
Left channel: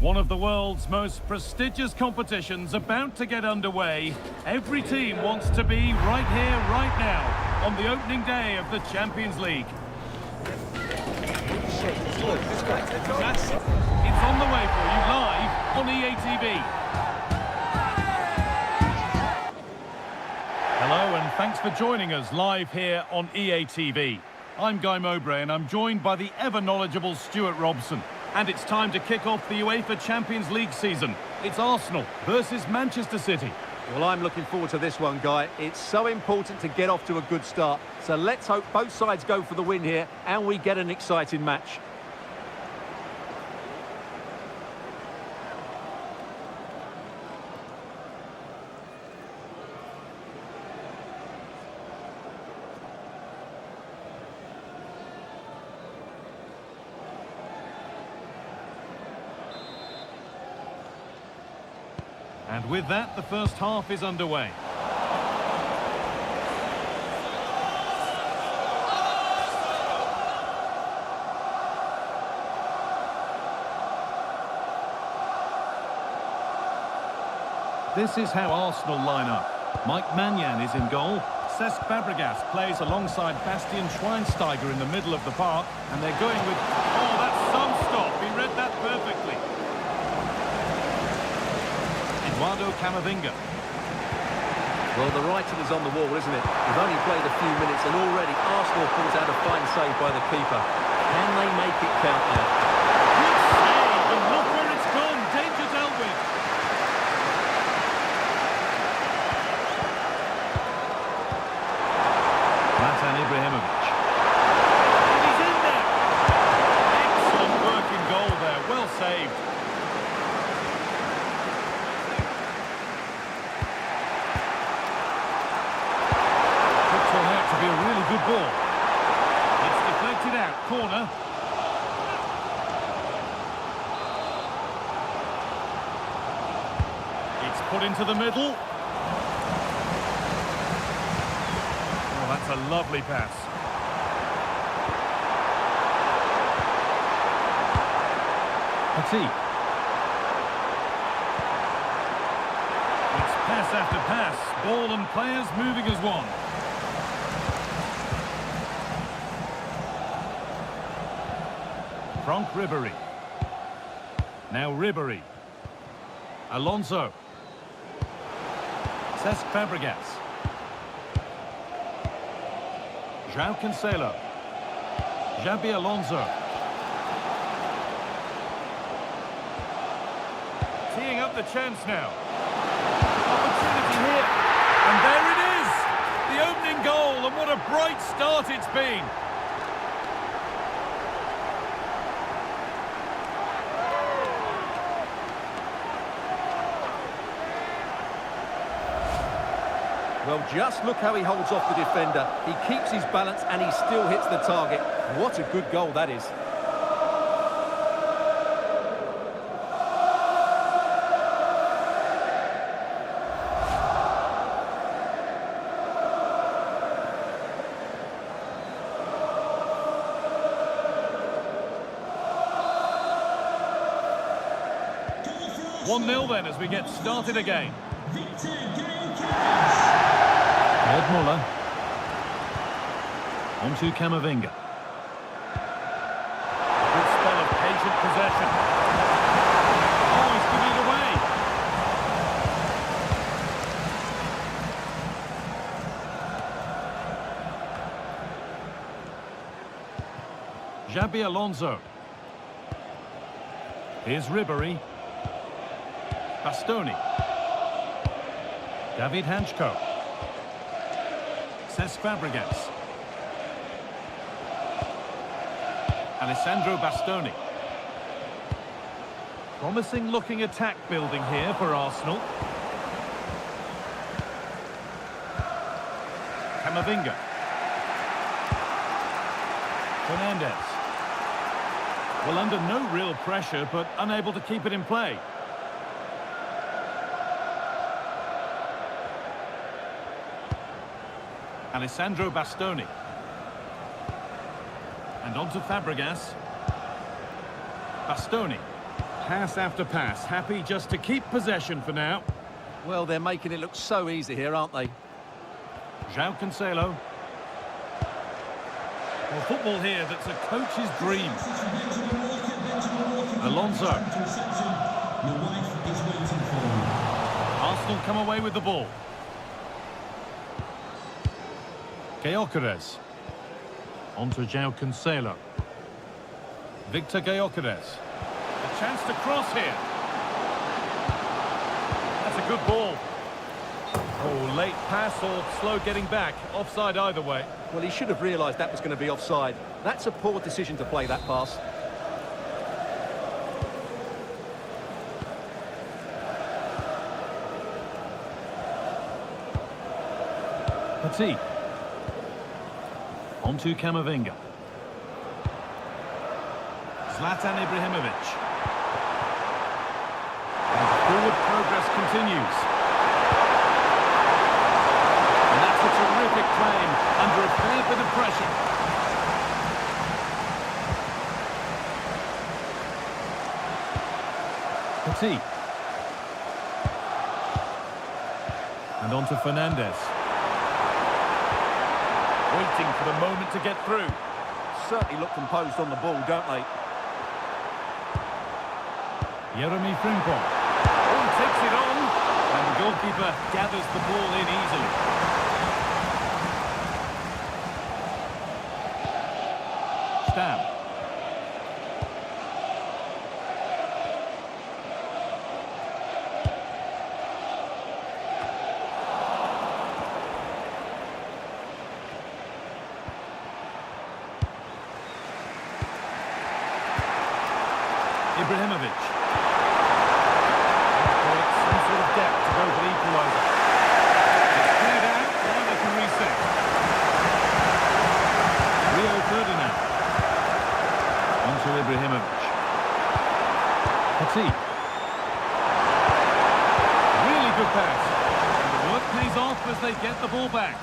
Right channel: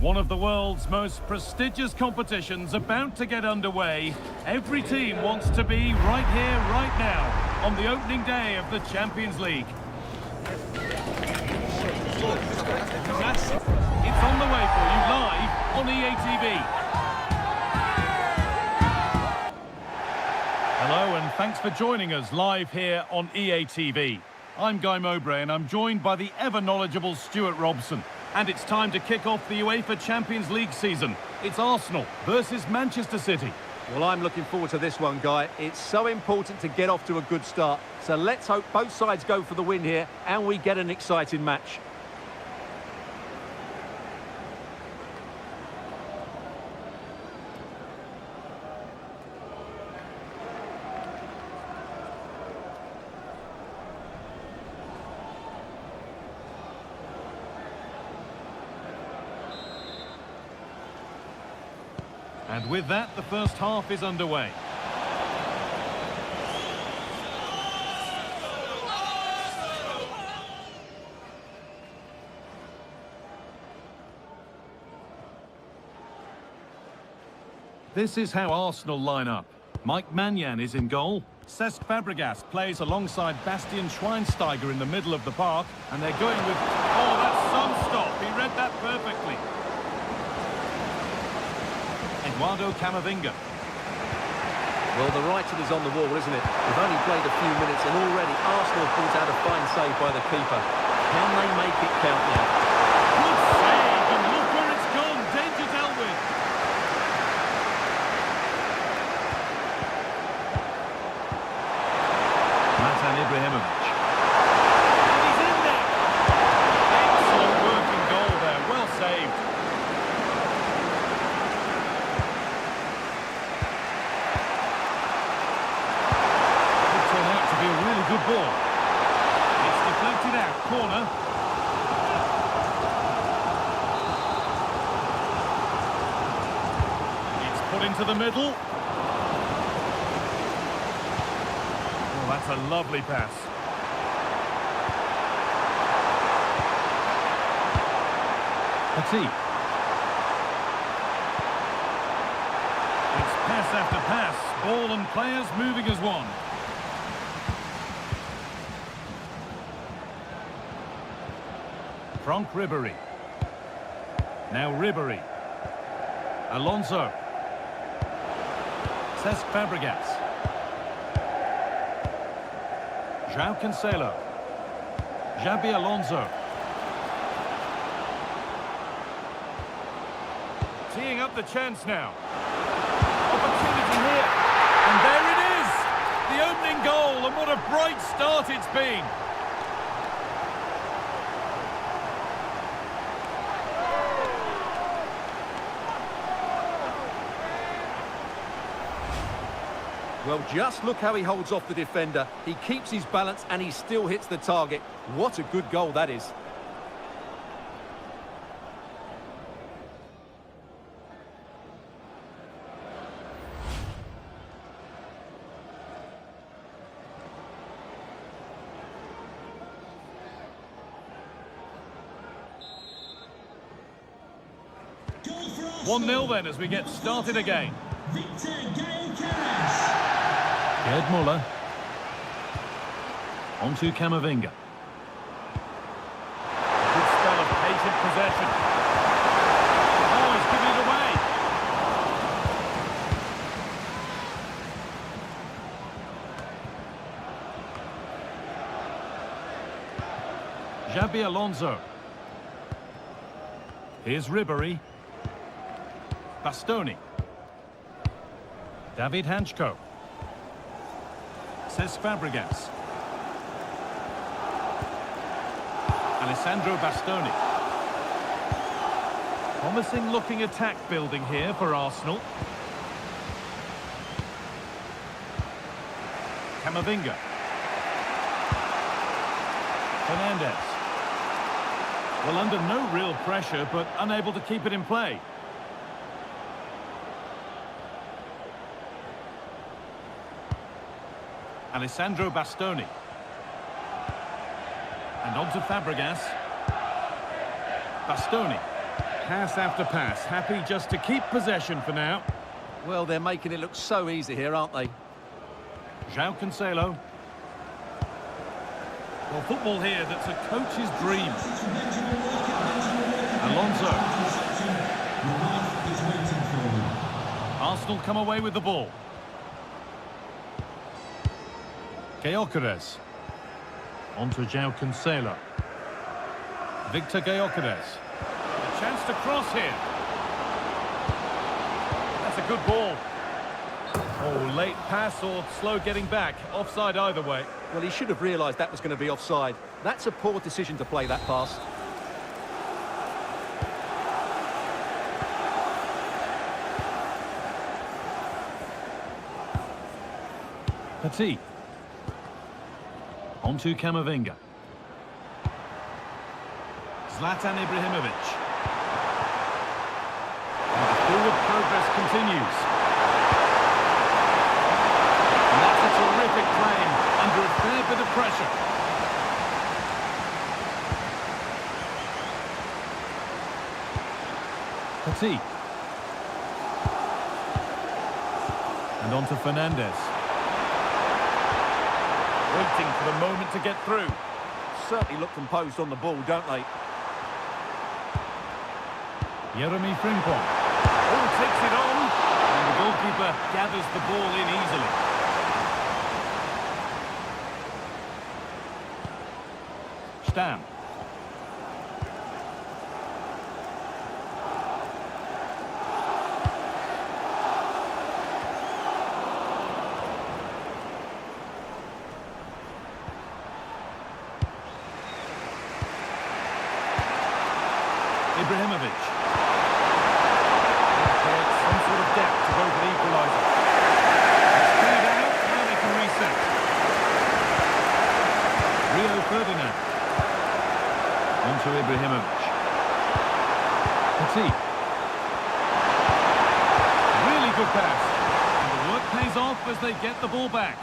One of the world's most prestigious competitions about to get underway. Every team wants to be right here, right now, on the opening day of the Champions League. It's on the way for you live on EA TV. Hello and thanks for joining us live here on EA TV. I'm Guy Mowbray and I'm joined by the ever-knowledgeable Stuart Robson. And it's time to kick off the UEFA Champions League season. It's Arsenal versus Manchester City. Well, I'm looking forward to this one, Guy. It's so important to get off to a good start. So let's hope both sides go for the win here and we get an exciting match. And with that, the first half is underway. This is how Arsenal line up. Mike Maignan is in goal. Cesc Fabregas plays alongside Bastian Schweinsteiger in the middle of the park. And they're going with... Oh, that's some stop. He read that perfectly. Eduardo Camavinga. Well, the writing is on the wall, isn't it? We've only played a few minutes and already Arsenal pulls out a fine save by the keeper. Can they make it count now? Good save, and look where it's gone. Danger dealt with. Zlatan Ibrahimovic. And he's in there. Excellent working goal there. Well saved. Turn out to be a really good ball. It's deflected out, corner. It's put into the middle. Oh, that's a lovely pass. Petit. It's pass after pass. Ball and players moving as one. Franck Ribéry. Now Ribéry. Alonso. Cesc Fabregas. João Cancelo. Xabi Alonso. Teeing up the chance now. Opportunity here. And there it is! The opening goal, and what a bright start it's been. Well, just look how he holds off the defender. He keeps his balance and he still hits the target. What a good goal that is. Goal 1-0 then as we get started again. Gerd Müller. On to Camavinga. Good spell of patient possession. Oh, he's giving it away. Xabi Alonso. Here's Ribéry. Bastoni. David Hanchko. Cesc Fabregas. Alessandro Bastoni. Promising looking attack building here for Arsenal. Camavinga. Fernandes. Well, under no real pressure, but unable to keep it in play. Alessandro Bastoni. And on to Fabregas. Bastoni. Pass after pass, happy just to keep possession for now. Well, they're making it look so easy here, aren't they? João Cancelo. Well, football here, that's a coach's dream. Alonso. Your wife is waiting for you. Arsenal come away with the ball. Gyökeres. On to João Cancelo. Victor Gyökeres. A chance to cross here. That's a good ball. Oh, late pass or slow getting back. Offside either way. Well, he should have realised that was going to be offside. That's a poor decision to play that pass. Petit. On to Camavinga. Zlatan Ibrahimovic. And the forward progress continues. And that's a terrific claim under a fair bit of pressure. Petit. And on to Fernandes. Waiting for the moment to get through. Certainly look composed on the ball, don't they? Jeremy Frimpong. Oh, takes it on. And the goalkeeper gathers the ball in easily. Stam. Ibrahimovic. Creates some sort of depth to go for the equaliser. It's cleared out, now they can reset. Rio Ferdinand. On to Ibrahimovic. Petit. Really good pass. And the work pays off as they get the ball back.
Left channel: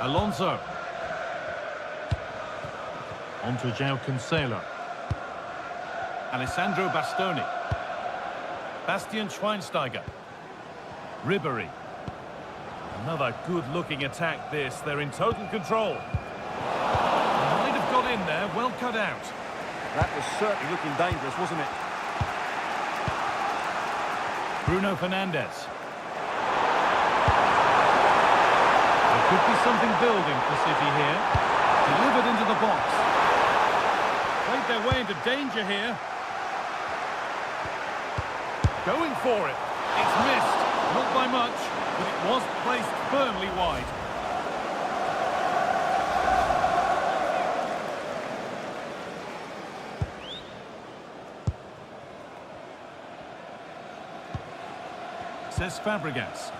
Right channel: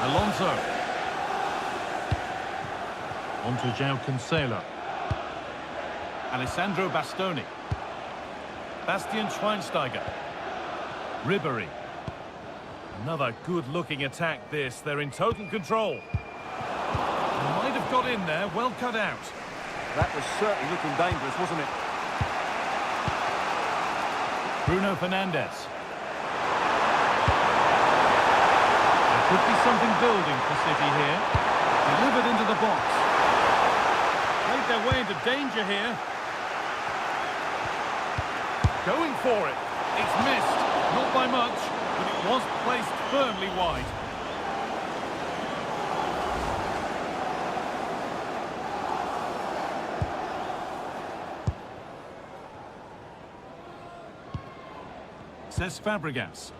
Alonso. On to João Cancelo. Alessandro Bastoni. Bastian Schweinsteiger. Ribéry. Another good-looking attack this. They're in total control. Might have got in there, well cut out. That was certainly looking dangerous, wasn't it? Bruno Fernandes. There could be something building for City here. Delivered into the box. Played their way into danger here. Going for it. It's missed. Not by much, but it was placed firmly wide. Says Fabregas.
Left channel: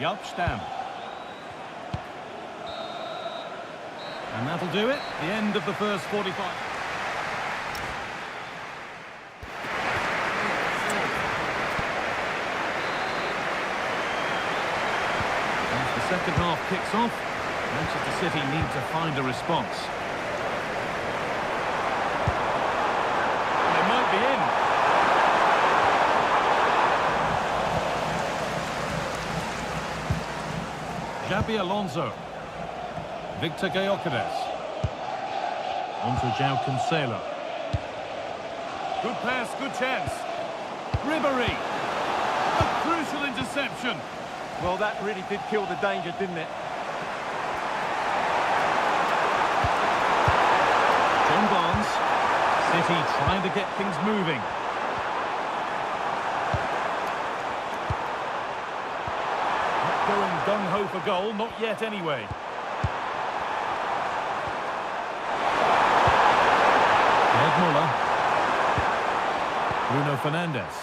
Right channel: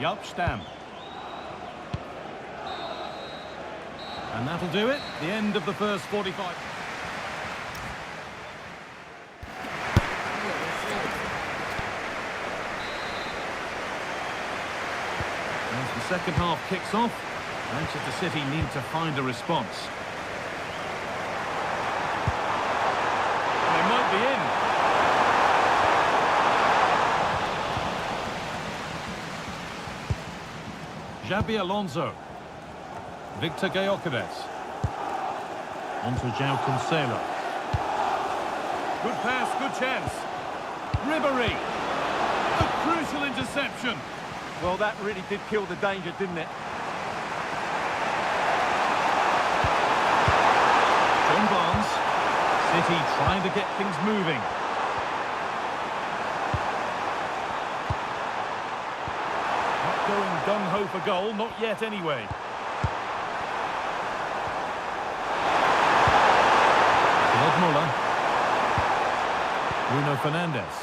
Yup, Stam. And that'll do it. The end of the first 45. As the second half kicks off, Manchester City need to find a response. And they might be in. Xabi Alonso. Victor Gyökeres. On to João Cancelo. Good pass, good chance. Ribéry. A crucial interception. Well, that really did kill the danger, didn't it? John Barnes. City trying to get things moving. Not going gung-ho for goal, not yet anyway. Gerd Müller. Bruno Fernandes.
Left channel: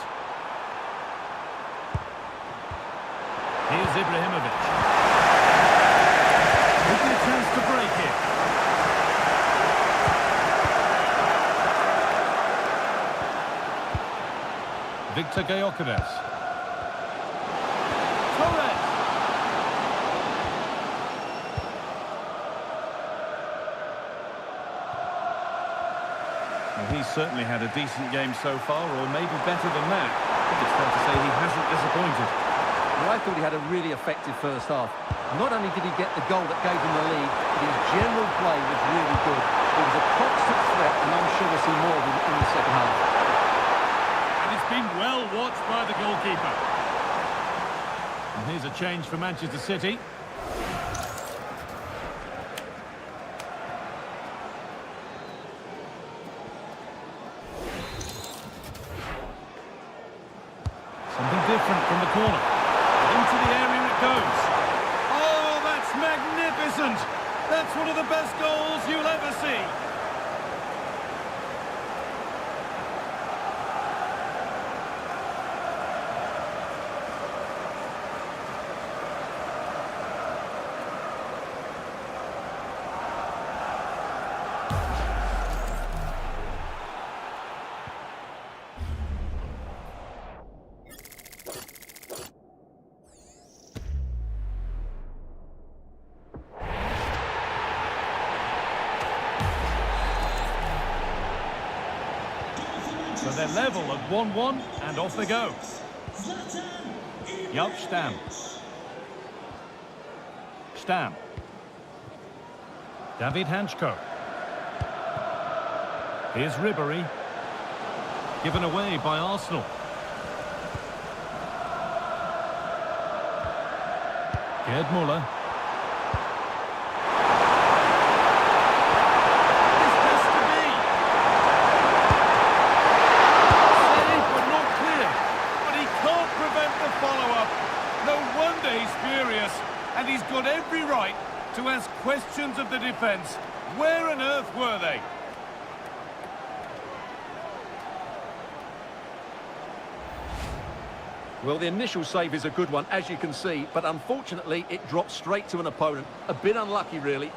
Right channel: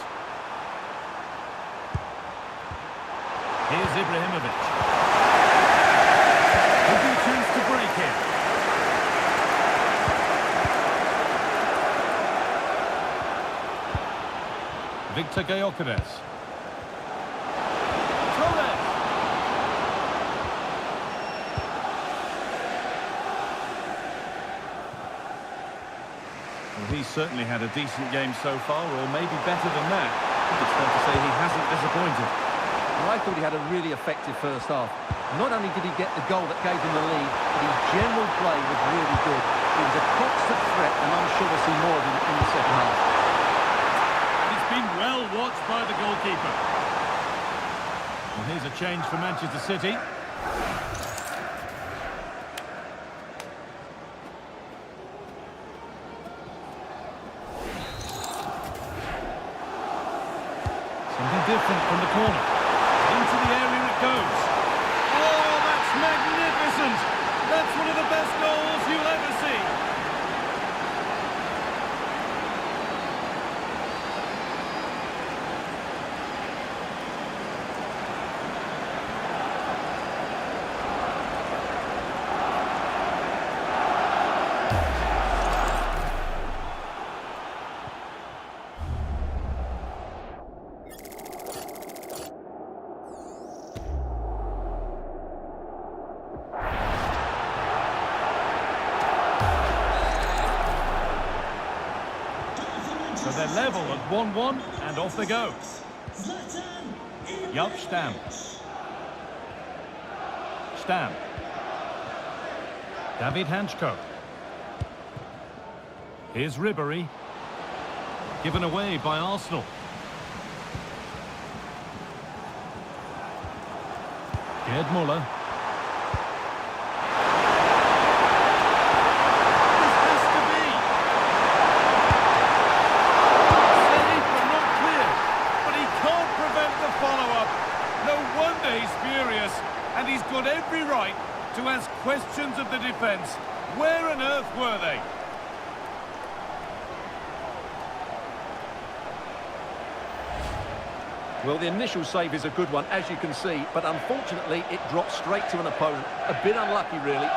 Here's Ibrahimovic. Could be a chance to break here. Victor Gyökeres. Torres. Well, he's certainly had a decent game so far, or maybe better than that. I think it's fair to say he hasn't disappointed. Well, I thought he had a really effective first half. Not only did he get the goal that gave him the lead, but his general play was really good. He was a constant threat, and I'm sure we'll see more of him in the second half. And it's been well watched by the goalkeeper. And here's a change for Manchester City. Something different from the corner. Into the area it goes. Oh, that's magnificent! That's one of the best goals you'll ever see. So they're level at 1-1, and off they go. Yup, Stam. Stam. David Hanchko. Here's Ribéry. Given away by Arsenal. Gerd Muller. Follow-up. No wonder he's furious, and he's got every right to ask questions of the defence. Where on earth were they? Well, the initial save is a good one, as you can see, but unfortunately it dropped straight to an opponent. A bit unlucky, really.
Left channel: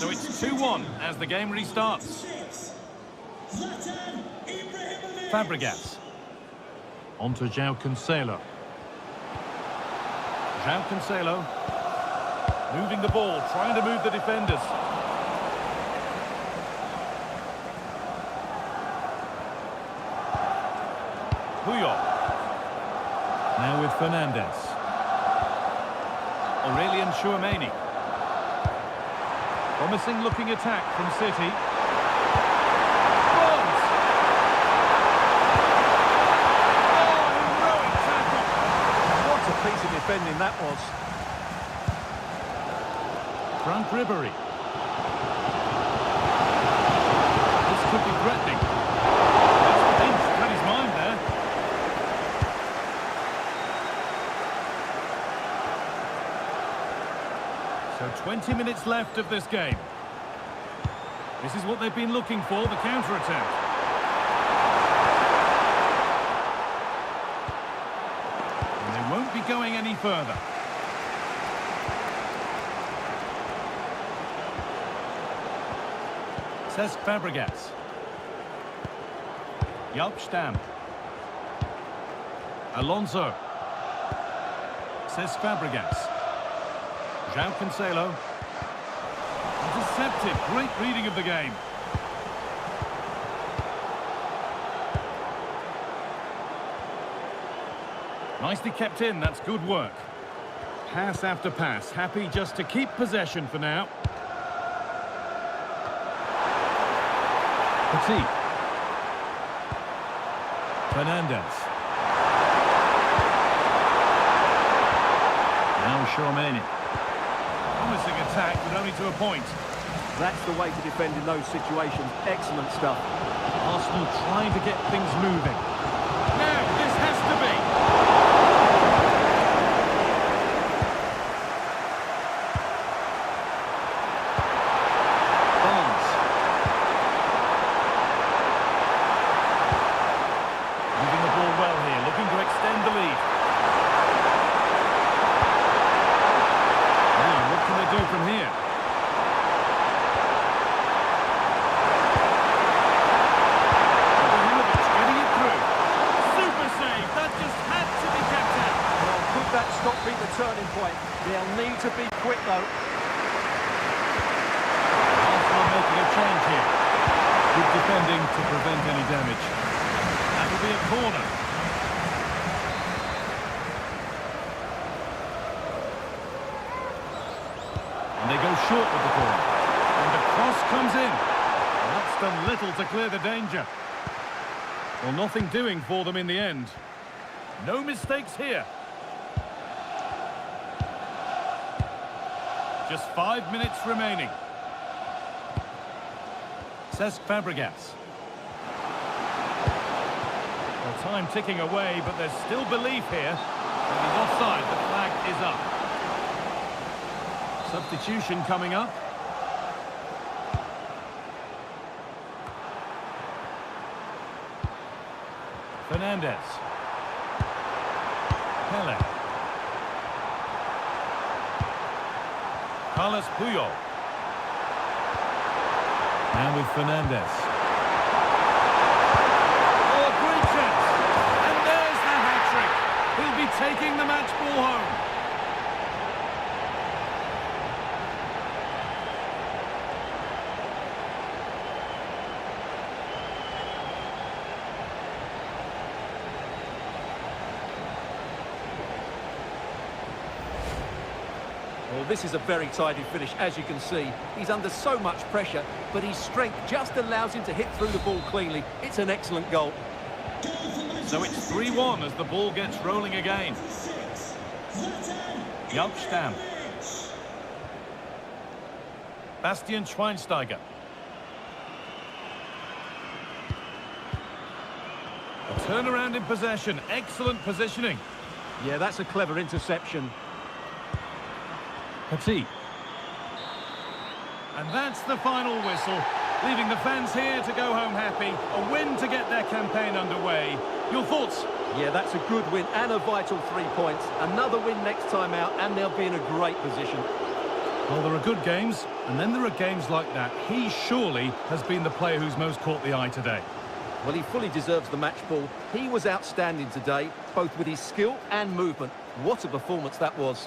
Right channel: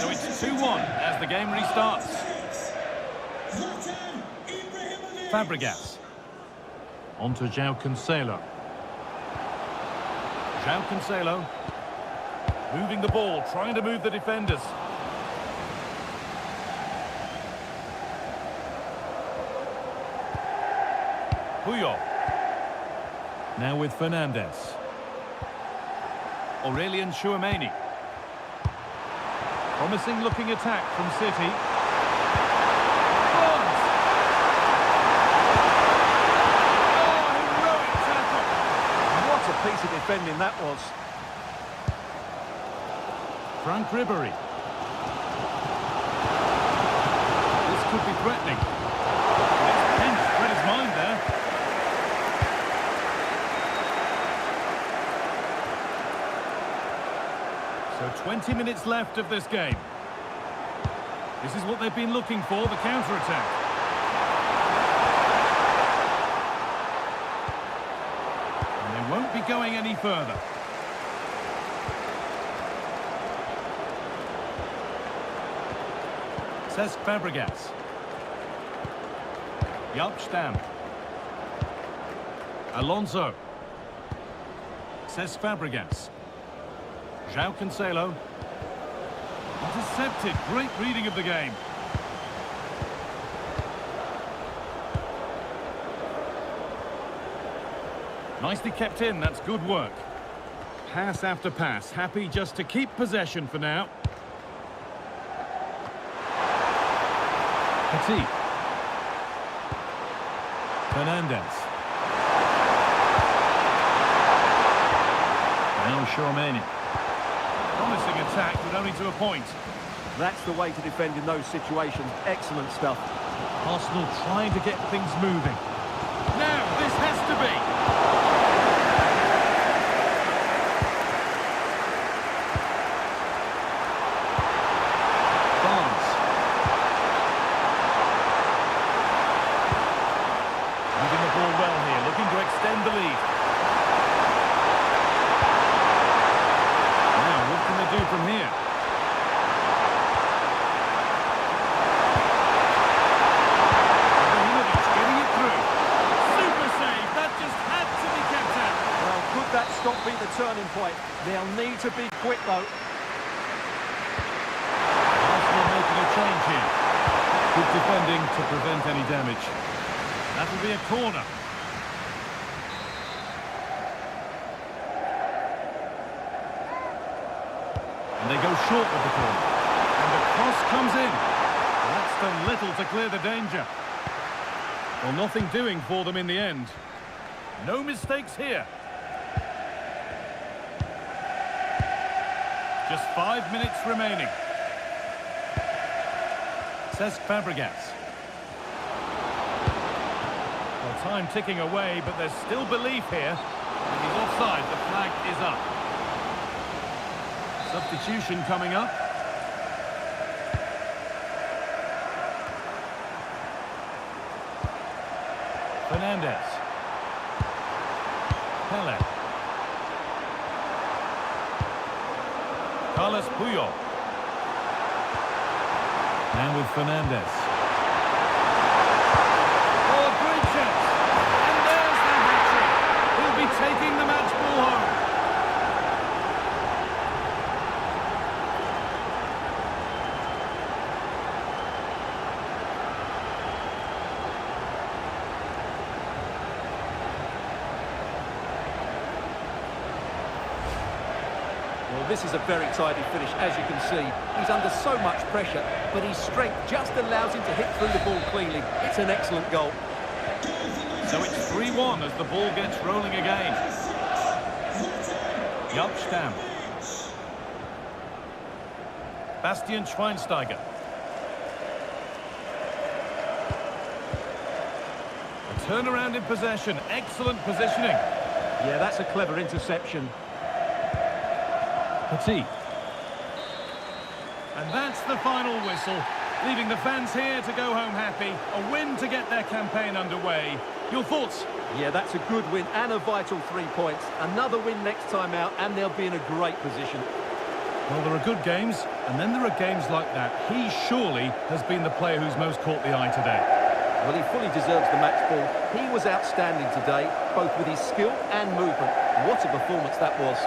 So it's 2-1 as the game restarts. Fabregas. On to João Cancelo. João Cancelo. Moving the ball, trying to move the defenders. Puyol. Now with Fernandes. Aurelien Tchouameni. Promising looking attack from City. Barnes! Oh, heroic tackle! What a piece of defending that was. Frank Ribéry. This could be threatening. It's pinched, read his mind there. So 20 minutes left of this game. This is what they've been looking for, the counter-attack. And they won't be going any further. Cesc Fabregas. Yup, Stam. Alonso. Cesc Fabregas. João Cancelo. Intercepted. Great reading of the game. Nicely kept in. That's good work. Pass after pass. Happy just to keep possession for now. Petit. Fernandes. Now Tchouameni. Promising attack, but only to a point. That's the way to defend in those situations. Excellent stuff. Arsenal trying to get things moving. Now, this has to be. Barnes. Moving the ball well here, looking to extend the lead. What can they do from here? Ibrahimovic getting it through. Super save. That just had to be kept out. Well, could that stop be the turning turning point. They'll need to be quick, though. Arsenal making a change here. Good defending to prevent any damage. That will be a corner. And they go short with the corner. And the cross comes in. That's done little to clear the danger. Well, nothing doing for them in the end. No mistakes here. Just 5 minutes remaining. Cesc Fabregas. Well, time ticking away, but there's still belief here. And he's offside. The flag is up. Substitution coming up. Fernandez. Pele. Carlos Puyol. And with Fernandez. Oh, a great chance. And there's the hat-trick. He'll be taking the match ball home. Well, this is a very tidy finish, as you can see. He's under so much pressure, but his strength just allows him to hit through the ball cleanly. It's an excellent goal. So it's 3-1 as the ball gets rolling again. Jaap Stam. Bastian Schweinsteiger. A turnaround in possession. Excellent positioning. Yeah, that's a clever interception. Petit. And that's the final whistle, leaving the fans here to go home happy. A win to get their campaign underway. Your thoughts? Yeah, that's a good win and a vital 3 points. Another win next time out, and they'll be in a great position. Well, there are good games, and then there are games like that. He surely has been the player who's most caught the eye today. Well, he fully deserves the match ball. He was outstanding today, both with his skill and movement. What a performance that was.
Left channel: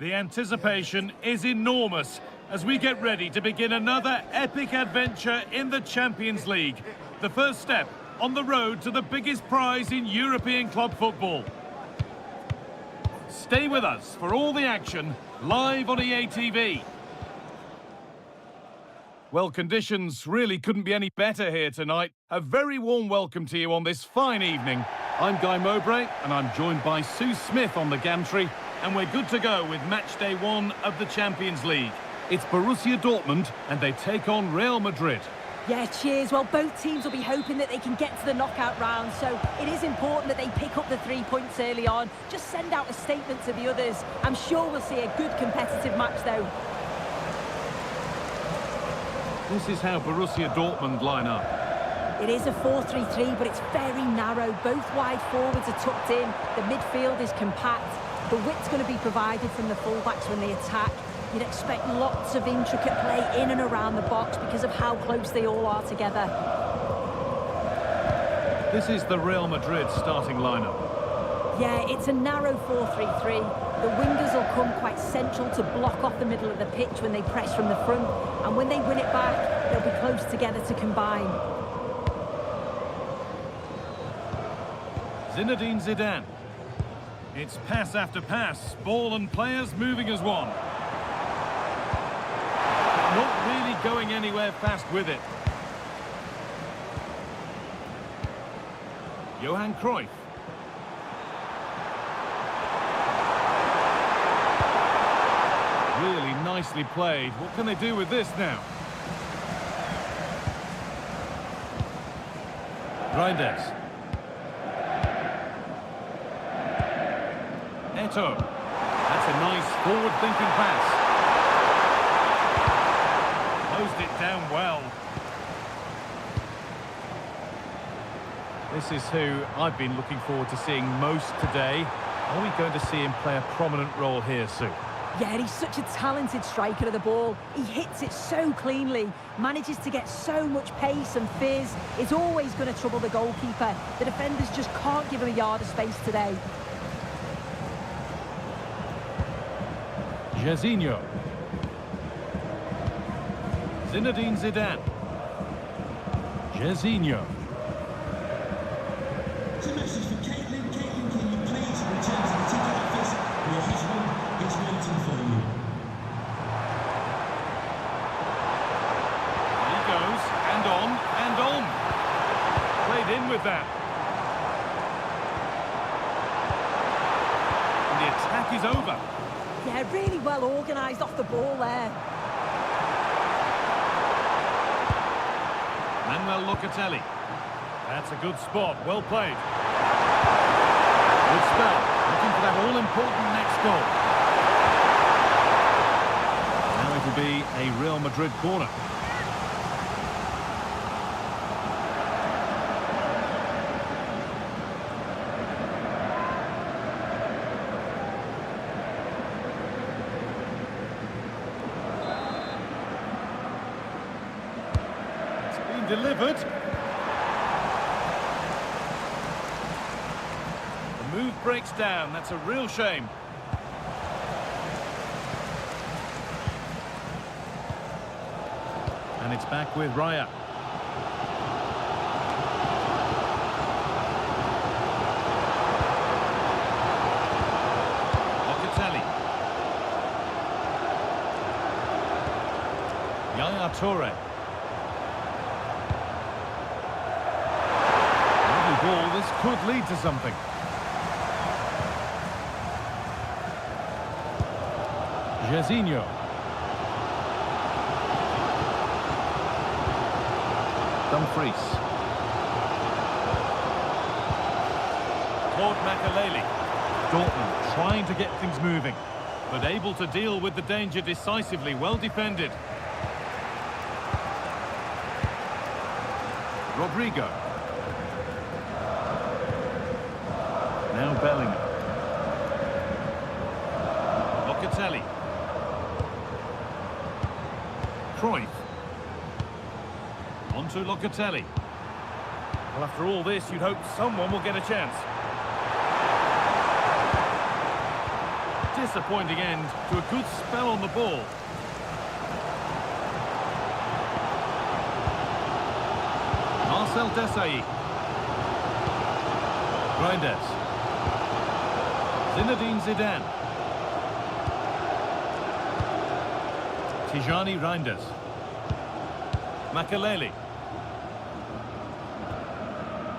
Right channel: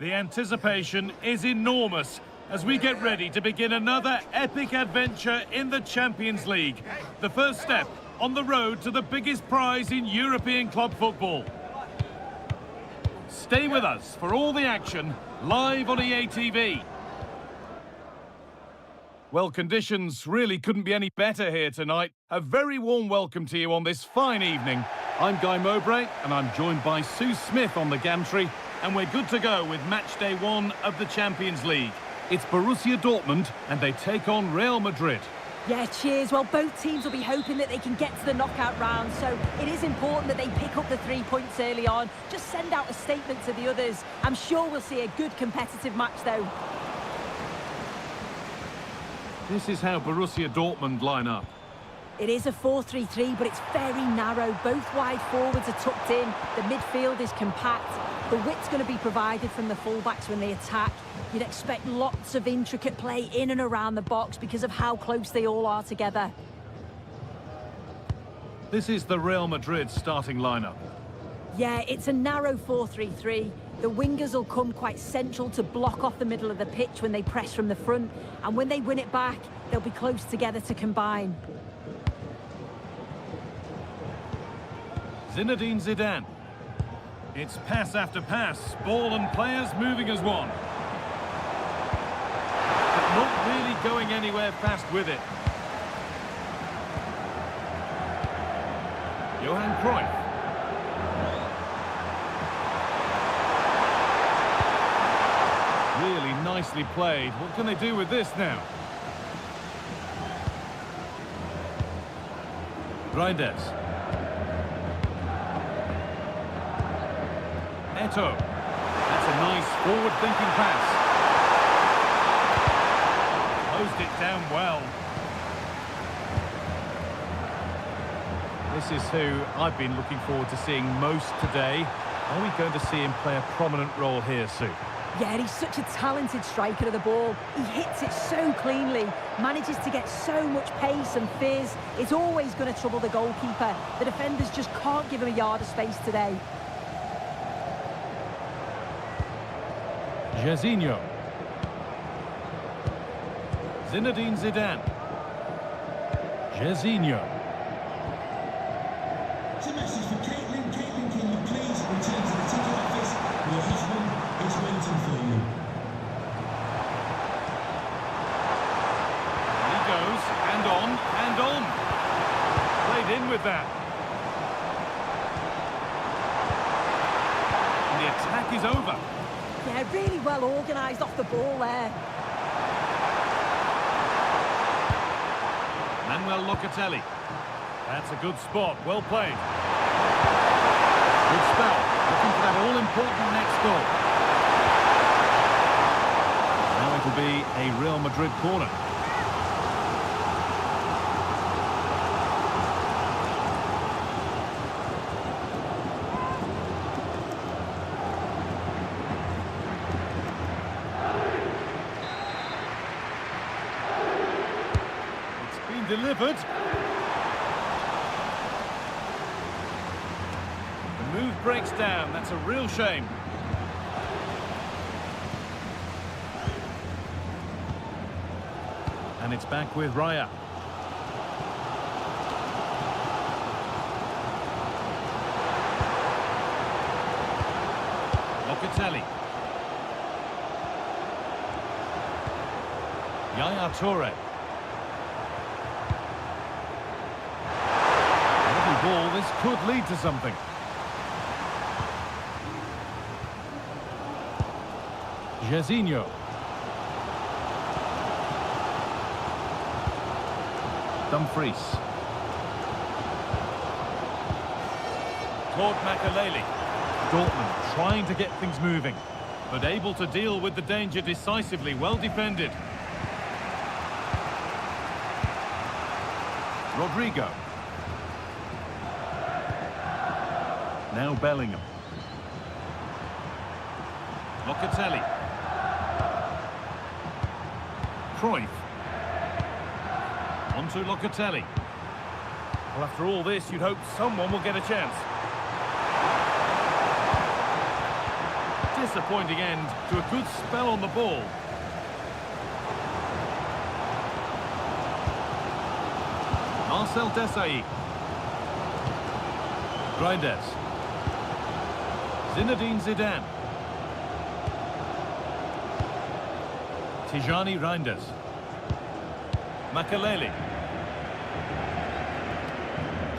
The anticipation is enormous as we get ready to begin another epic adventure in the Champions League. The first step on the road to the biggest prize in European club football. Stay with us for all the action live on EA TV. Well, conditions really couldn't be any better here tonight. A very warm welcome to you on this fine evening. I'm Guy Mowbray, and I'm joined by Sue Smith on the gantry, and we're good to go with match day 1 of the Champions League. It's Borussia Dortmund, and they take on Real Madrid. Yeah, cheers. Well, both teams will be hoping that they can get to the knockout round, so it is important that they pick up the 3 points early on. Just send out a statement to the others. I'm sure we'll see a good competitive match, though. This is how Borussia Dortmund line up. It is a 4-3-3, but it's very narrow. Both wide forwards are tucked in. The midfield is compact. The width's going to be provided from the fullbacks when they attack. You'd expect lots of intricate play in and around the box because of how close they all are together. This is the Real Madrid starting lineup. Yeah, it's a narrow 4-3-3. The wingers will come quite central to block off the middle of the pitch when they press from the front. And when they win it back, they'll be close together to combine. Zinedine Zidane. It's pass after pass, ball and players moving as one. But not really going anywhere fast with it. Johan Cruyff. Really nicely played. What can they do with this now? Reinders. Eto'o. That's a nice forward-thinking pass. Closed it down well. This is who I've been looking forward to seeing most today. Are we going to see him play a prominent role here, Sue? Yeah, he's such a talented striker of the ball. He hits it so cleanly, manages to get so much pace and fizz. It's always going to trouble the goalkeeper. The defenders just can't give him a yard of space today. Jairzinho. Zinedine Zidane. Jairzinho. It's a message for Caitlin. Caitlin, can you please return to the ticket office? Your husband is waiting for you. He goes, and on, and on. Played in with that. And the attack is over. Yeah, really well organised off the ball there. Manuel Locatelli. That's a good spot. Well played. Good spell. Looking for that all-important next goal. Now it'll be a Real Madrid corner. Delivered. The move breaks down. That's a real shame. And it's back with Raya. Locatelli. Yaya Toure. Ball, this could lead to something. Jairzinho. Dumfries. Claude Makelele. Dortmund trying to get things moving, but able to deal with the danger decisively. Well defended. Rodrigo. Now Bellingham. Locatelli. Cruyff. On to Locatelli. Well, after all this, you'd hope someone will get a chance. disappointing end to a good spell on the ball. Marcel Desailly. Reinders. Zinedine Zidane. Tijani Reinders. Makelele.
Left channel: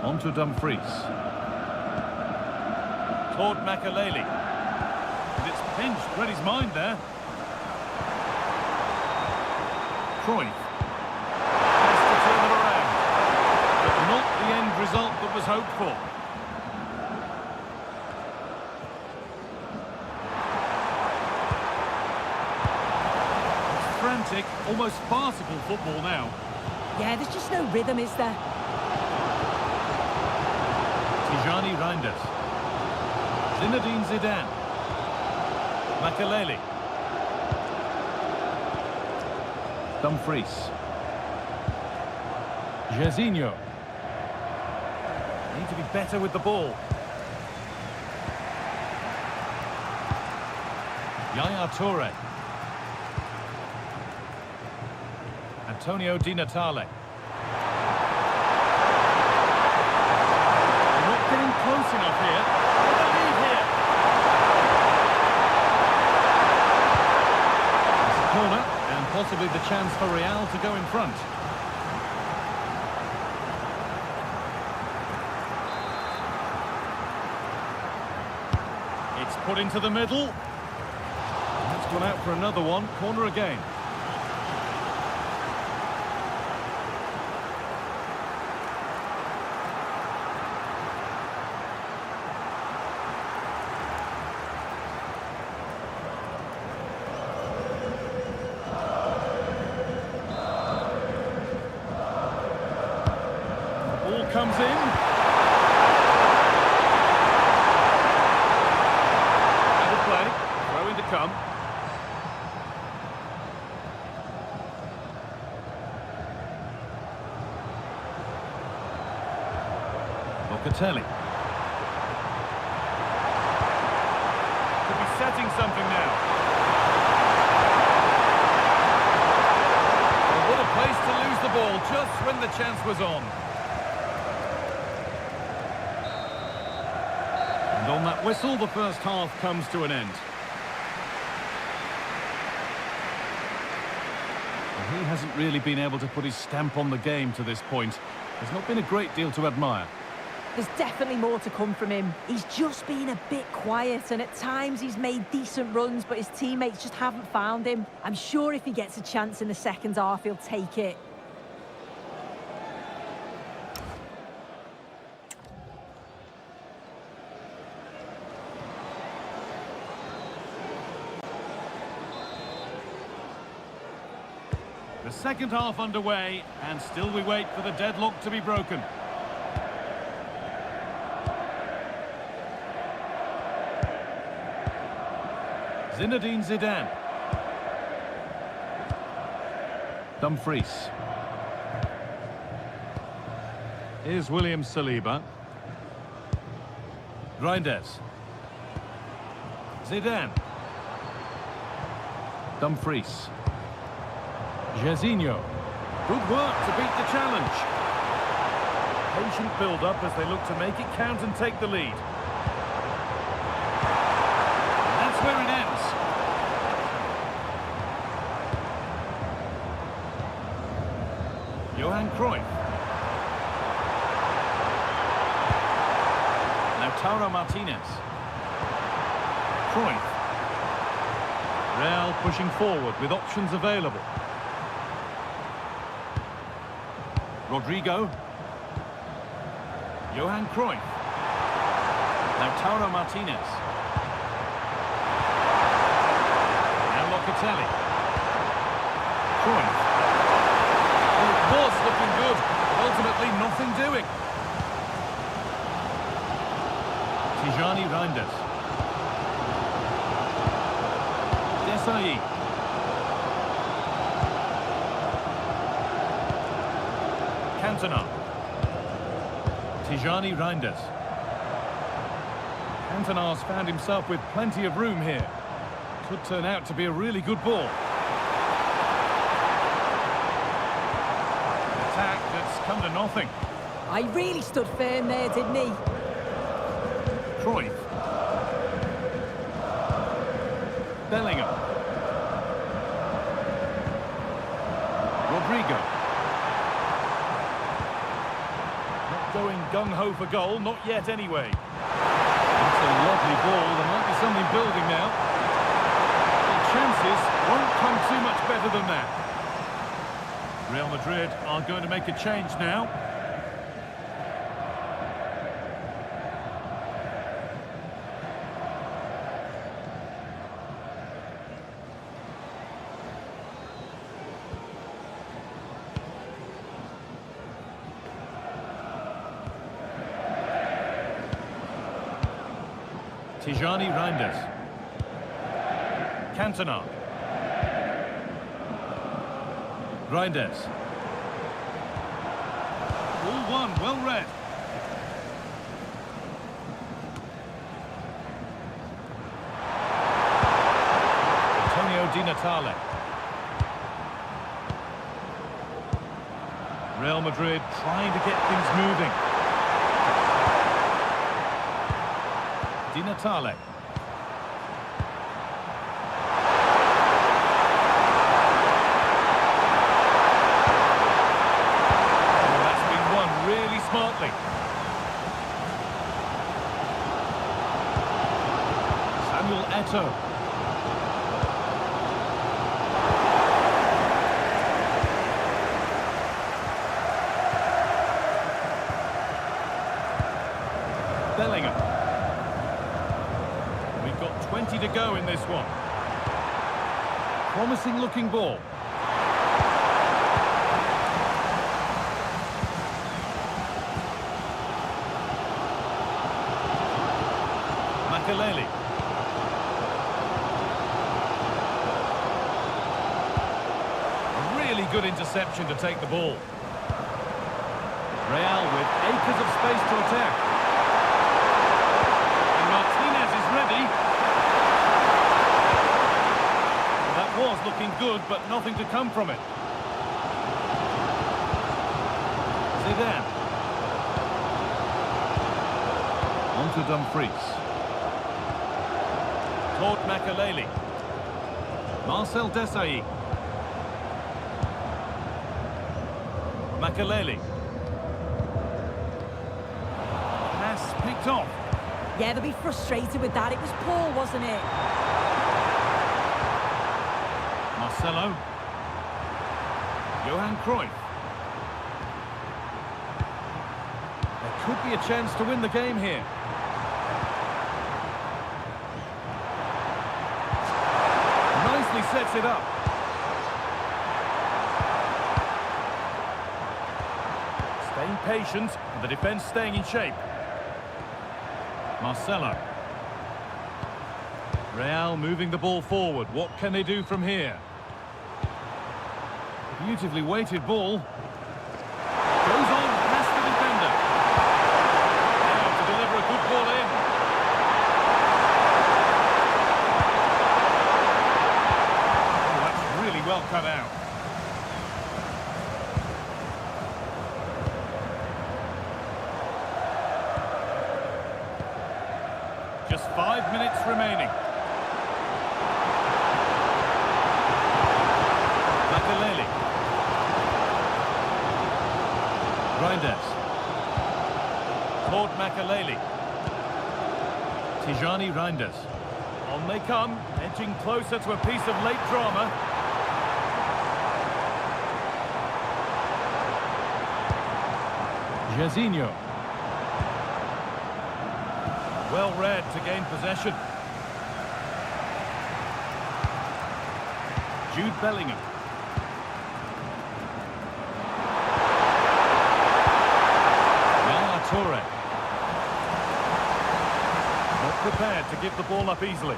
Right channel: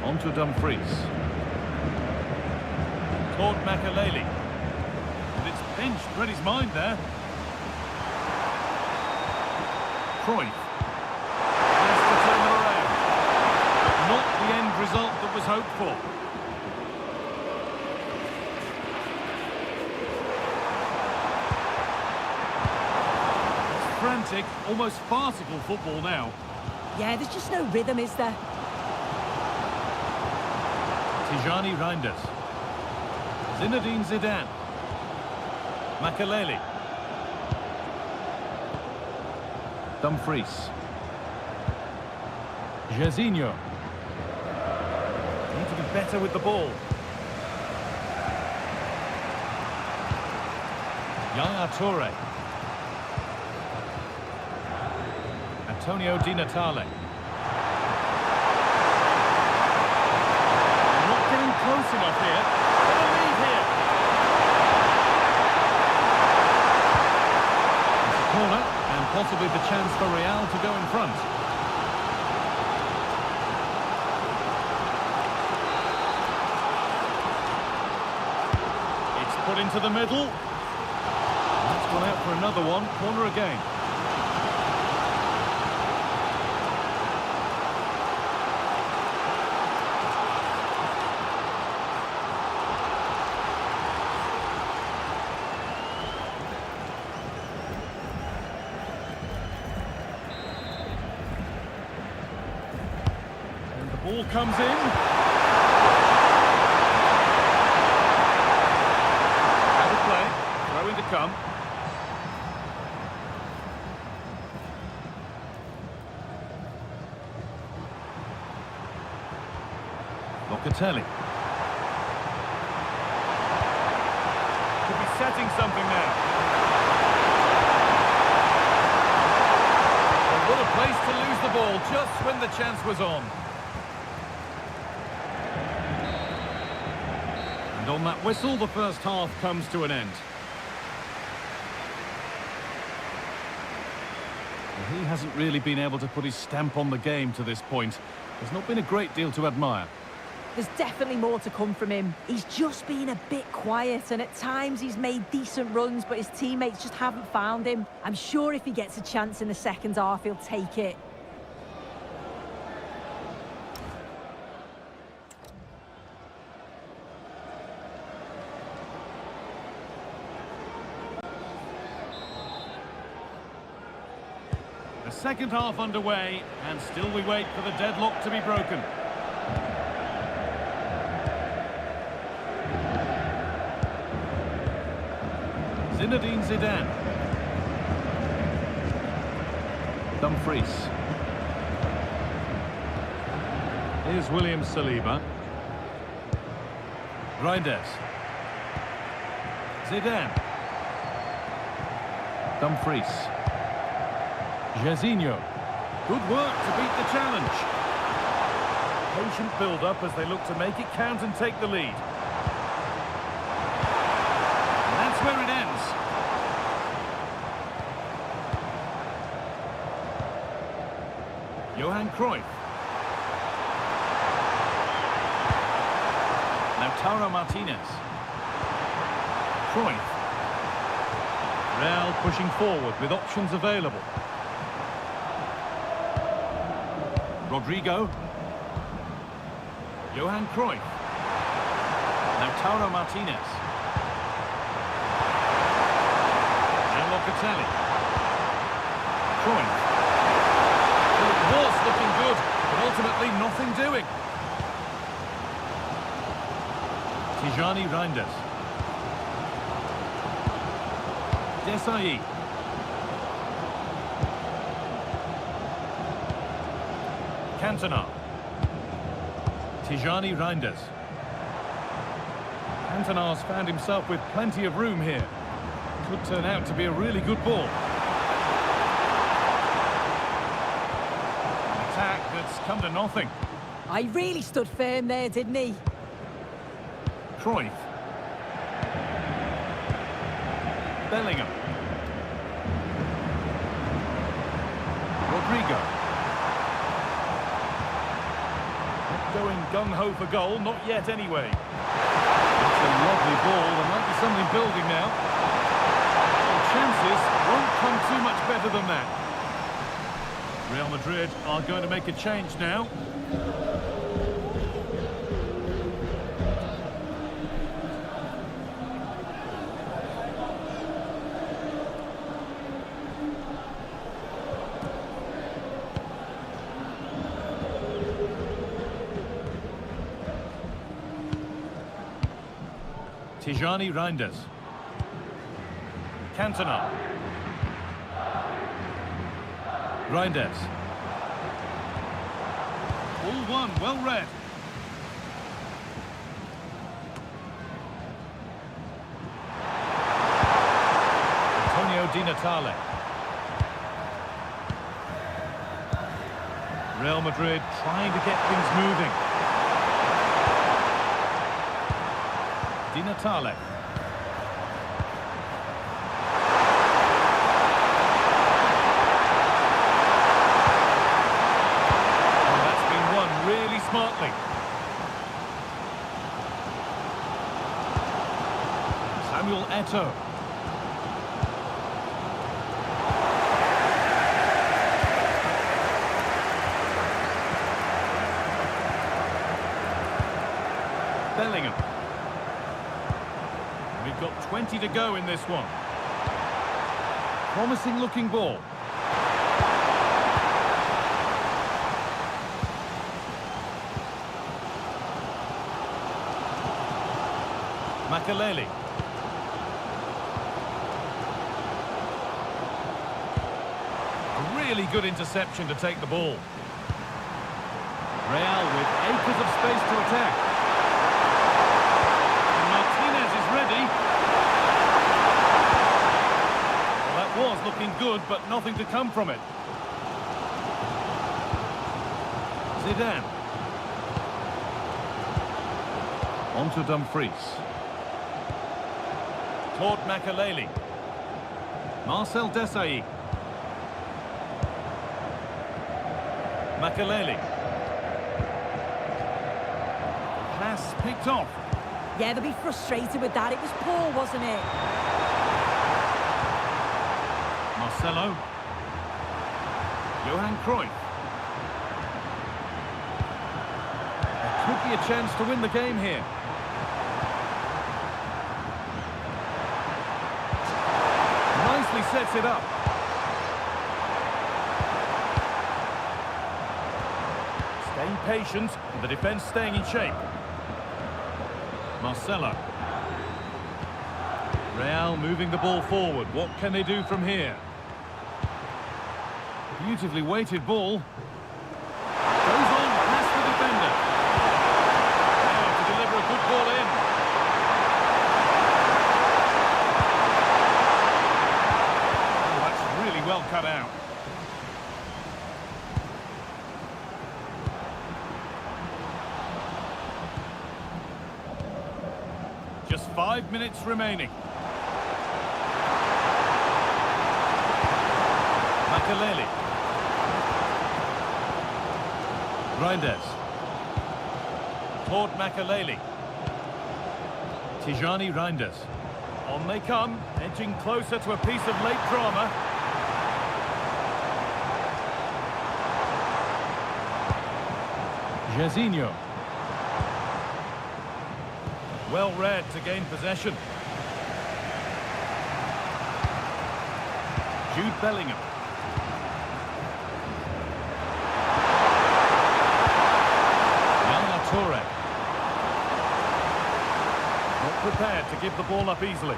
On to Dumfries. Claude Makelele. And it's pinched, read his mind there. Cruyff. Has to turn them around. But not the end result that was hoped for. It's frantic, almost farcical football now. Yeah, there's just no rhythm, is there? Tijani Reinders. Zinedine Zidane. Makelele. Dumfries. Jairzinho. Need to be better with the ball. Yaya Toure. Antonio Di Natale. They're not getting close enough here. For the lead here. It's a corner, and possibly the chance for Real to go in front. It's put into the middle. That's gone out for another one. Corner again. Ball comes in. Out of play. Throw in to come. Locatelli. Could be setting something now. Well, what a place to lose the ball just when the chance was on. And on that whistle, the first half comes to an end. Well, he hasn't really been able to put his stamp on the game to this point. There's not been a great deal to admire. There's definitely more to come from him. He's just been a bit quiet, and at times he's made decent runs, but his teammates just haven't found him. I'm sure if he gets a chance in the second half, he'll take it. The second half underway, and still we wait for the deadlock to be broken. Zinedine Zidane. Dumfries. Here's William Saliba. Reinders. Zidane. Dumfries. Jairzinho. Good work to beat the challenge. Patient build-up as they look to make it count and take the lead. And that's where it ends. Johan Cruyff. Lautaro Martinez. Cruyff. Real pushing forward with options available. Rodrigo. Johan Cruyff. Lautaro Martinez. Now Locatelli. Cruyff. Well, it was looking good, but ultimately nothing doing. Tijani Reinders. Desailly. Cantona. Tijani Reinders. Cantona's found himself with plenty of room here. Could turn out to be a really good ball. An attack that's come to nothing. I really stood firm there, didn't he? Cruyff. Bellingham. Rodrigo. Not going gung-ho for goal, not yet anyway. That's a lovely ball, there might be something building now. The chances won't come too much better than that. Real Madrid are going to make a change now. Tijani Reinders. Cantona. Reinders. All one, well read. Antonio Di Natale. Real Madrid trying to get things moving. Di Natale. Oh, that's been won really smartly. Samuel Eto'o. Bellingham. We've got 20 to go in this one. Promising looking ball. Makelele. A really good interception to take the ball. Real with acres of space to attack. Martinez is ready. Well, that was looking good, but nothing to come from it. Zidane. On to Dumfries. Toward Makelele. Marcel Desailly. Makelele. Pass picked off. Yeah, they'll be frustrated with that. It was poor, wasn't it? Marcelo. Johan Cruyff. There could be a chance to win the game here. Nicely sets it up. Staying patient and the defence staying in shape. Marcelo. Real moving the ball forward. What can they do from here? Beautifully weighted ball. Goes on past the defender. Now to deliver a good ball in. Oh, that's really well cut out. Just 5 minutes remaining. Makelele. Reinders. Toward Makelele. Tijani Reinders. On they come, edging closer to a piece of late drama. Jairzinho. Well read to gain possession. Jude Bellingham. Yaya Toure. Not prepared to give the ball up easily.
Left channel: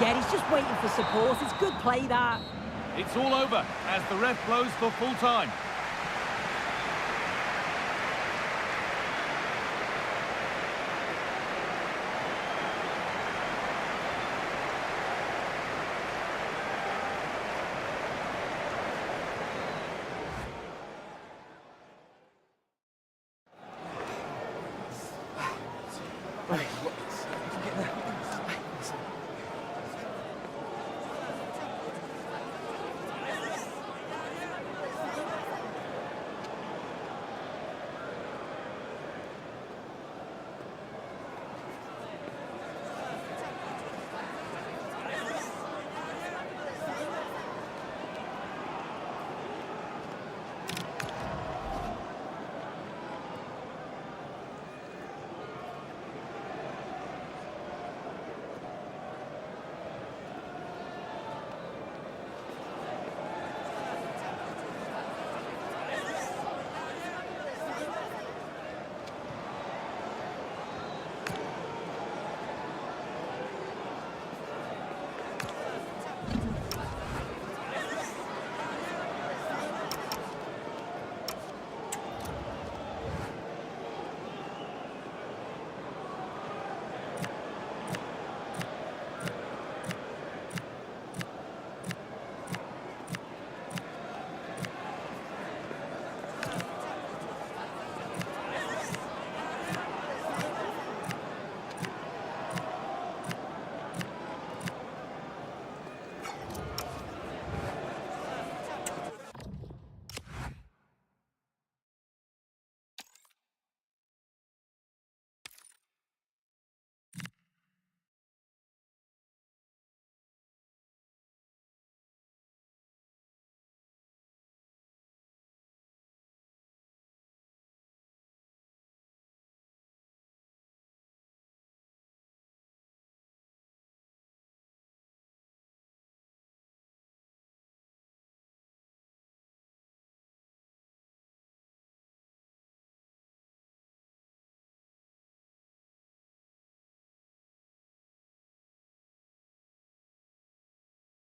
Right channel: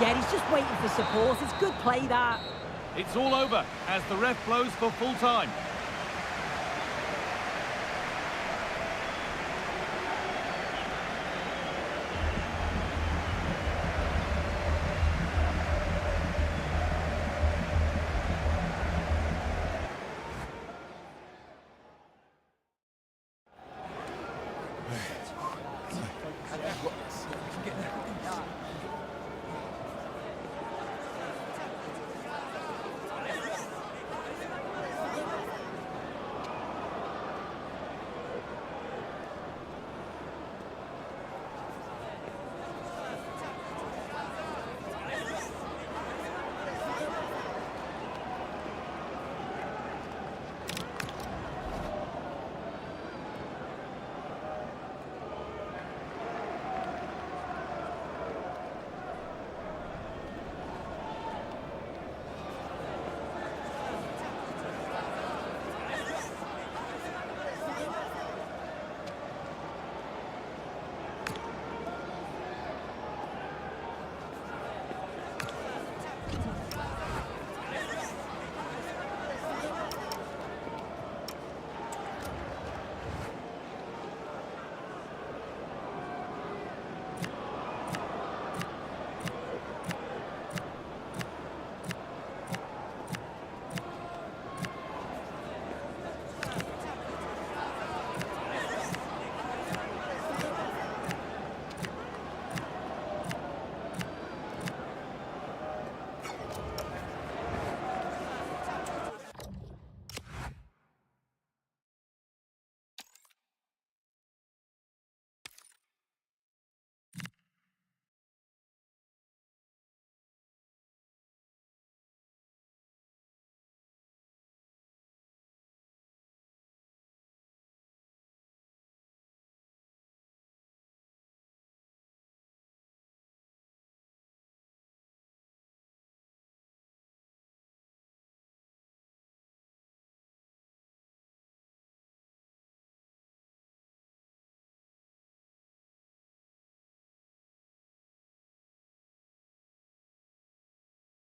Yeah, he's just waiting for support. It's good play, that. It's all over as the ref blows for full time.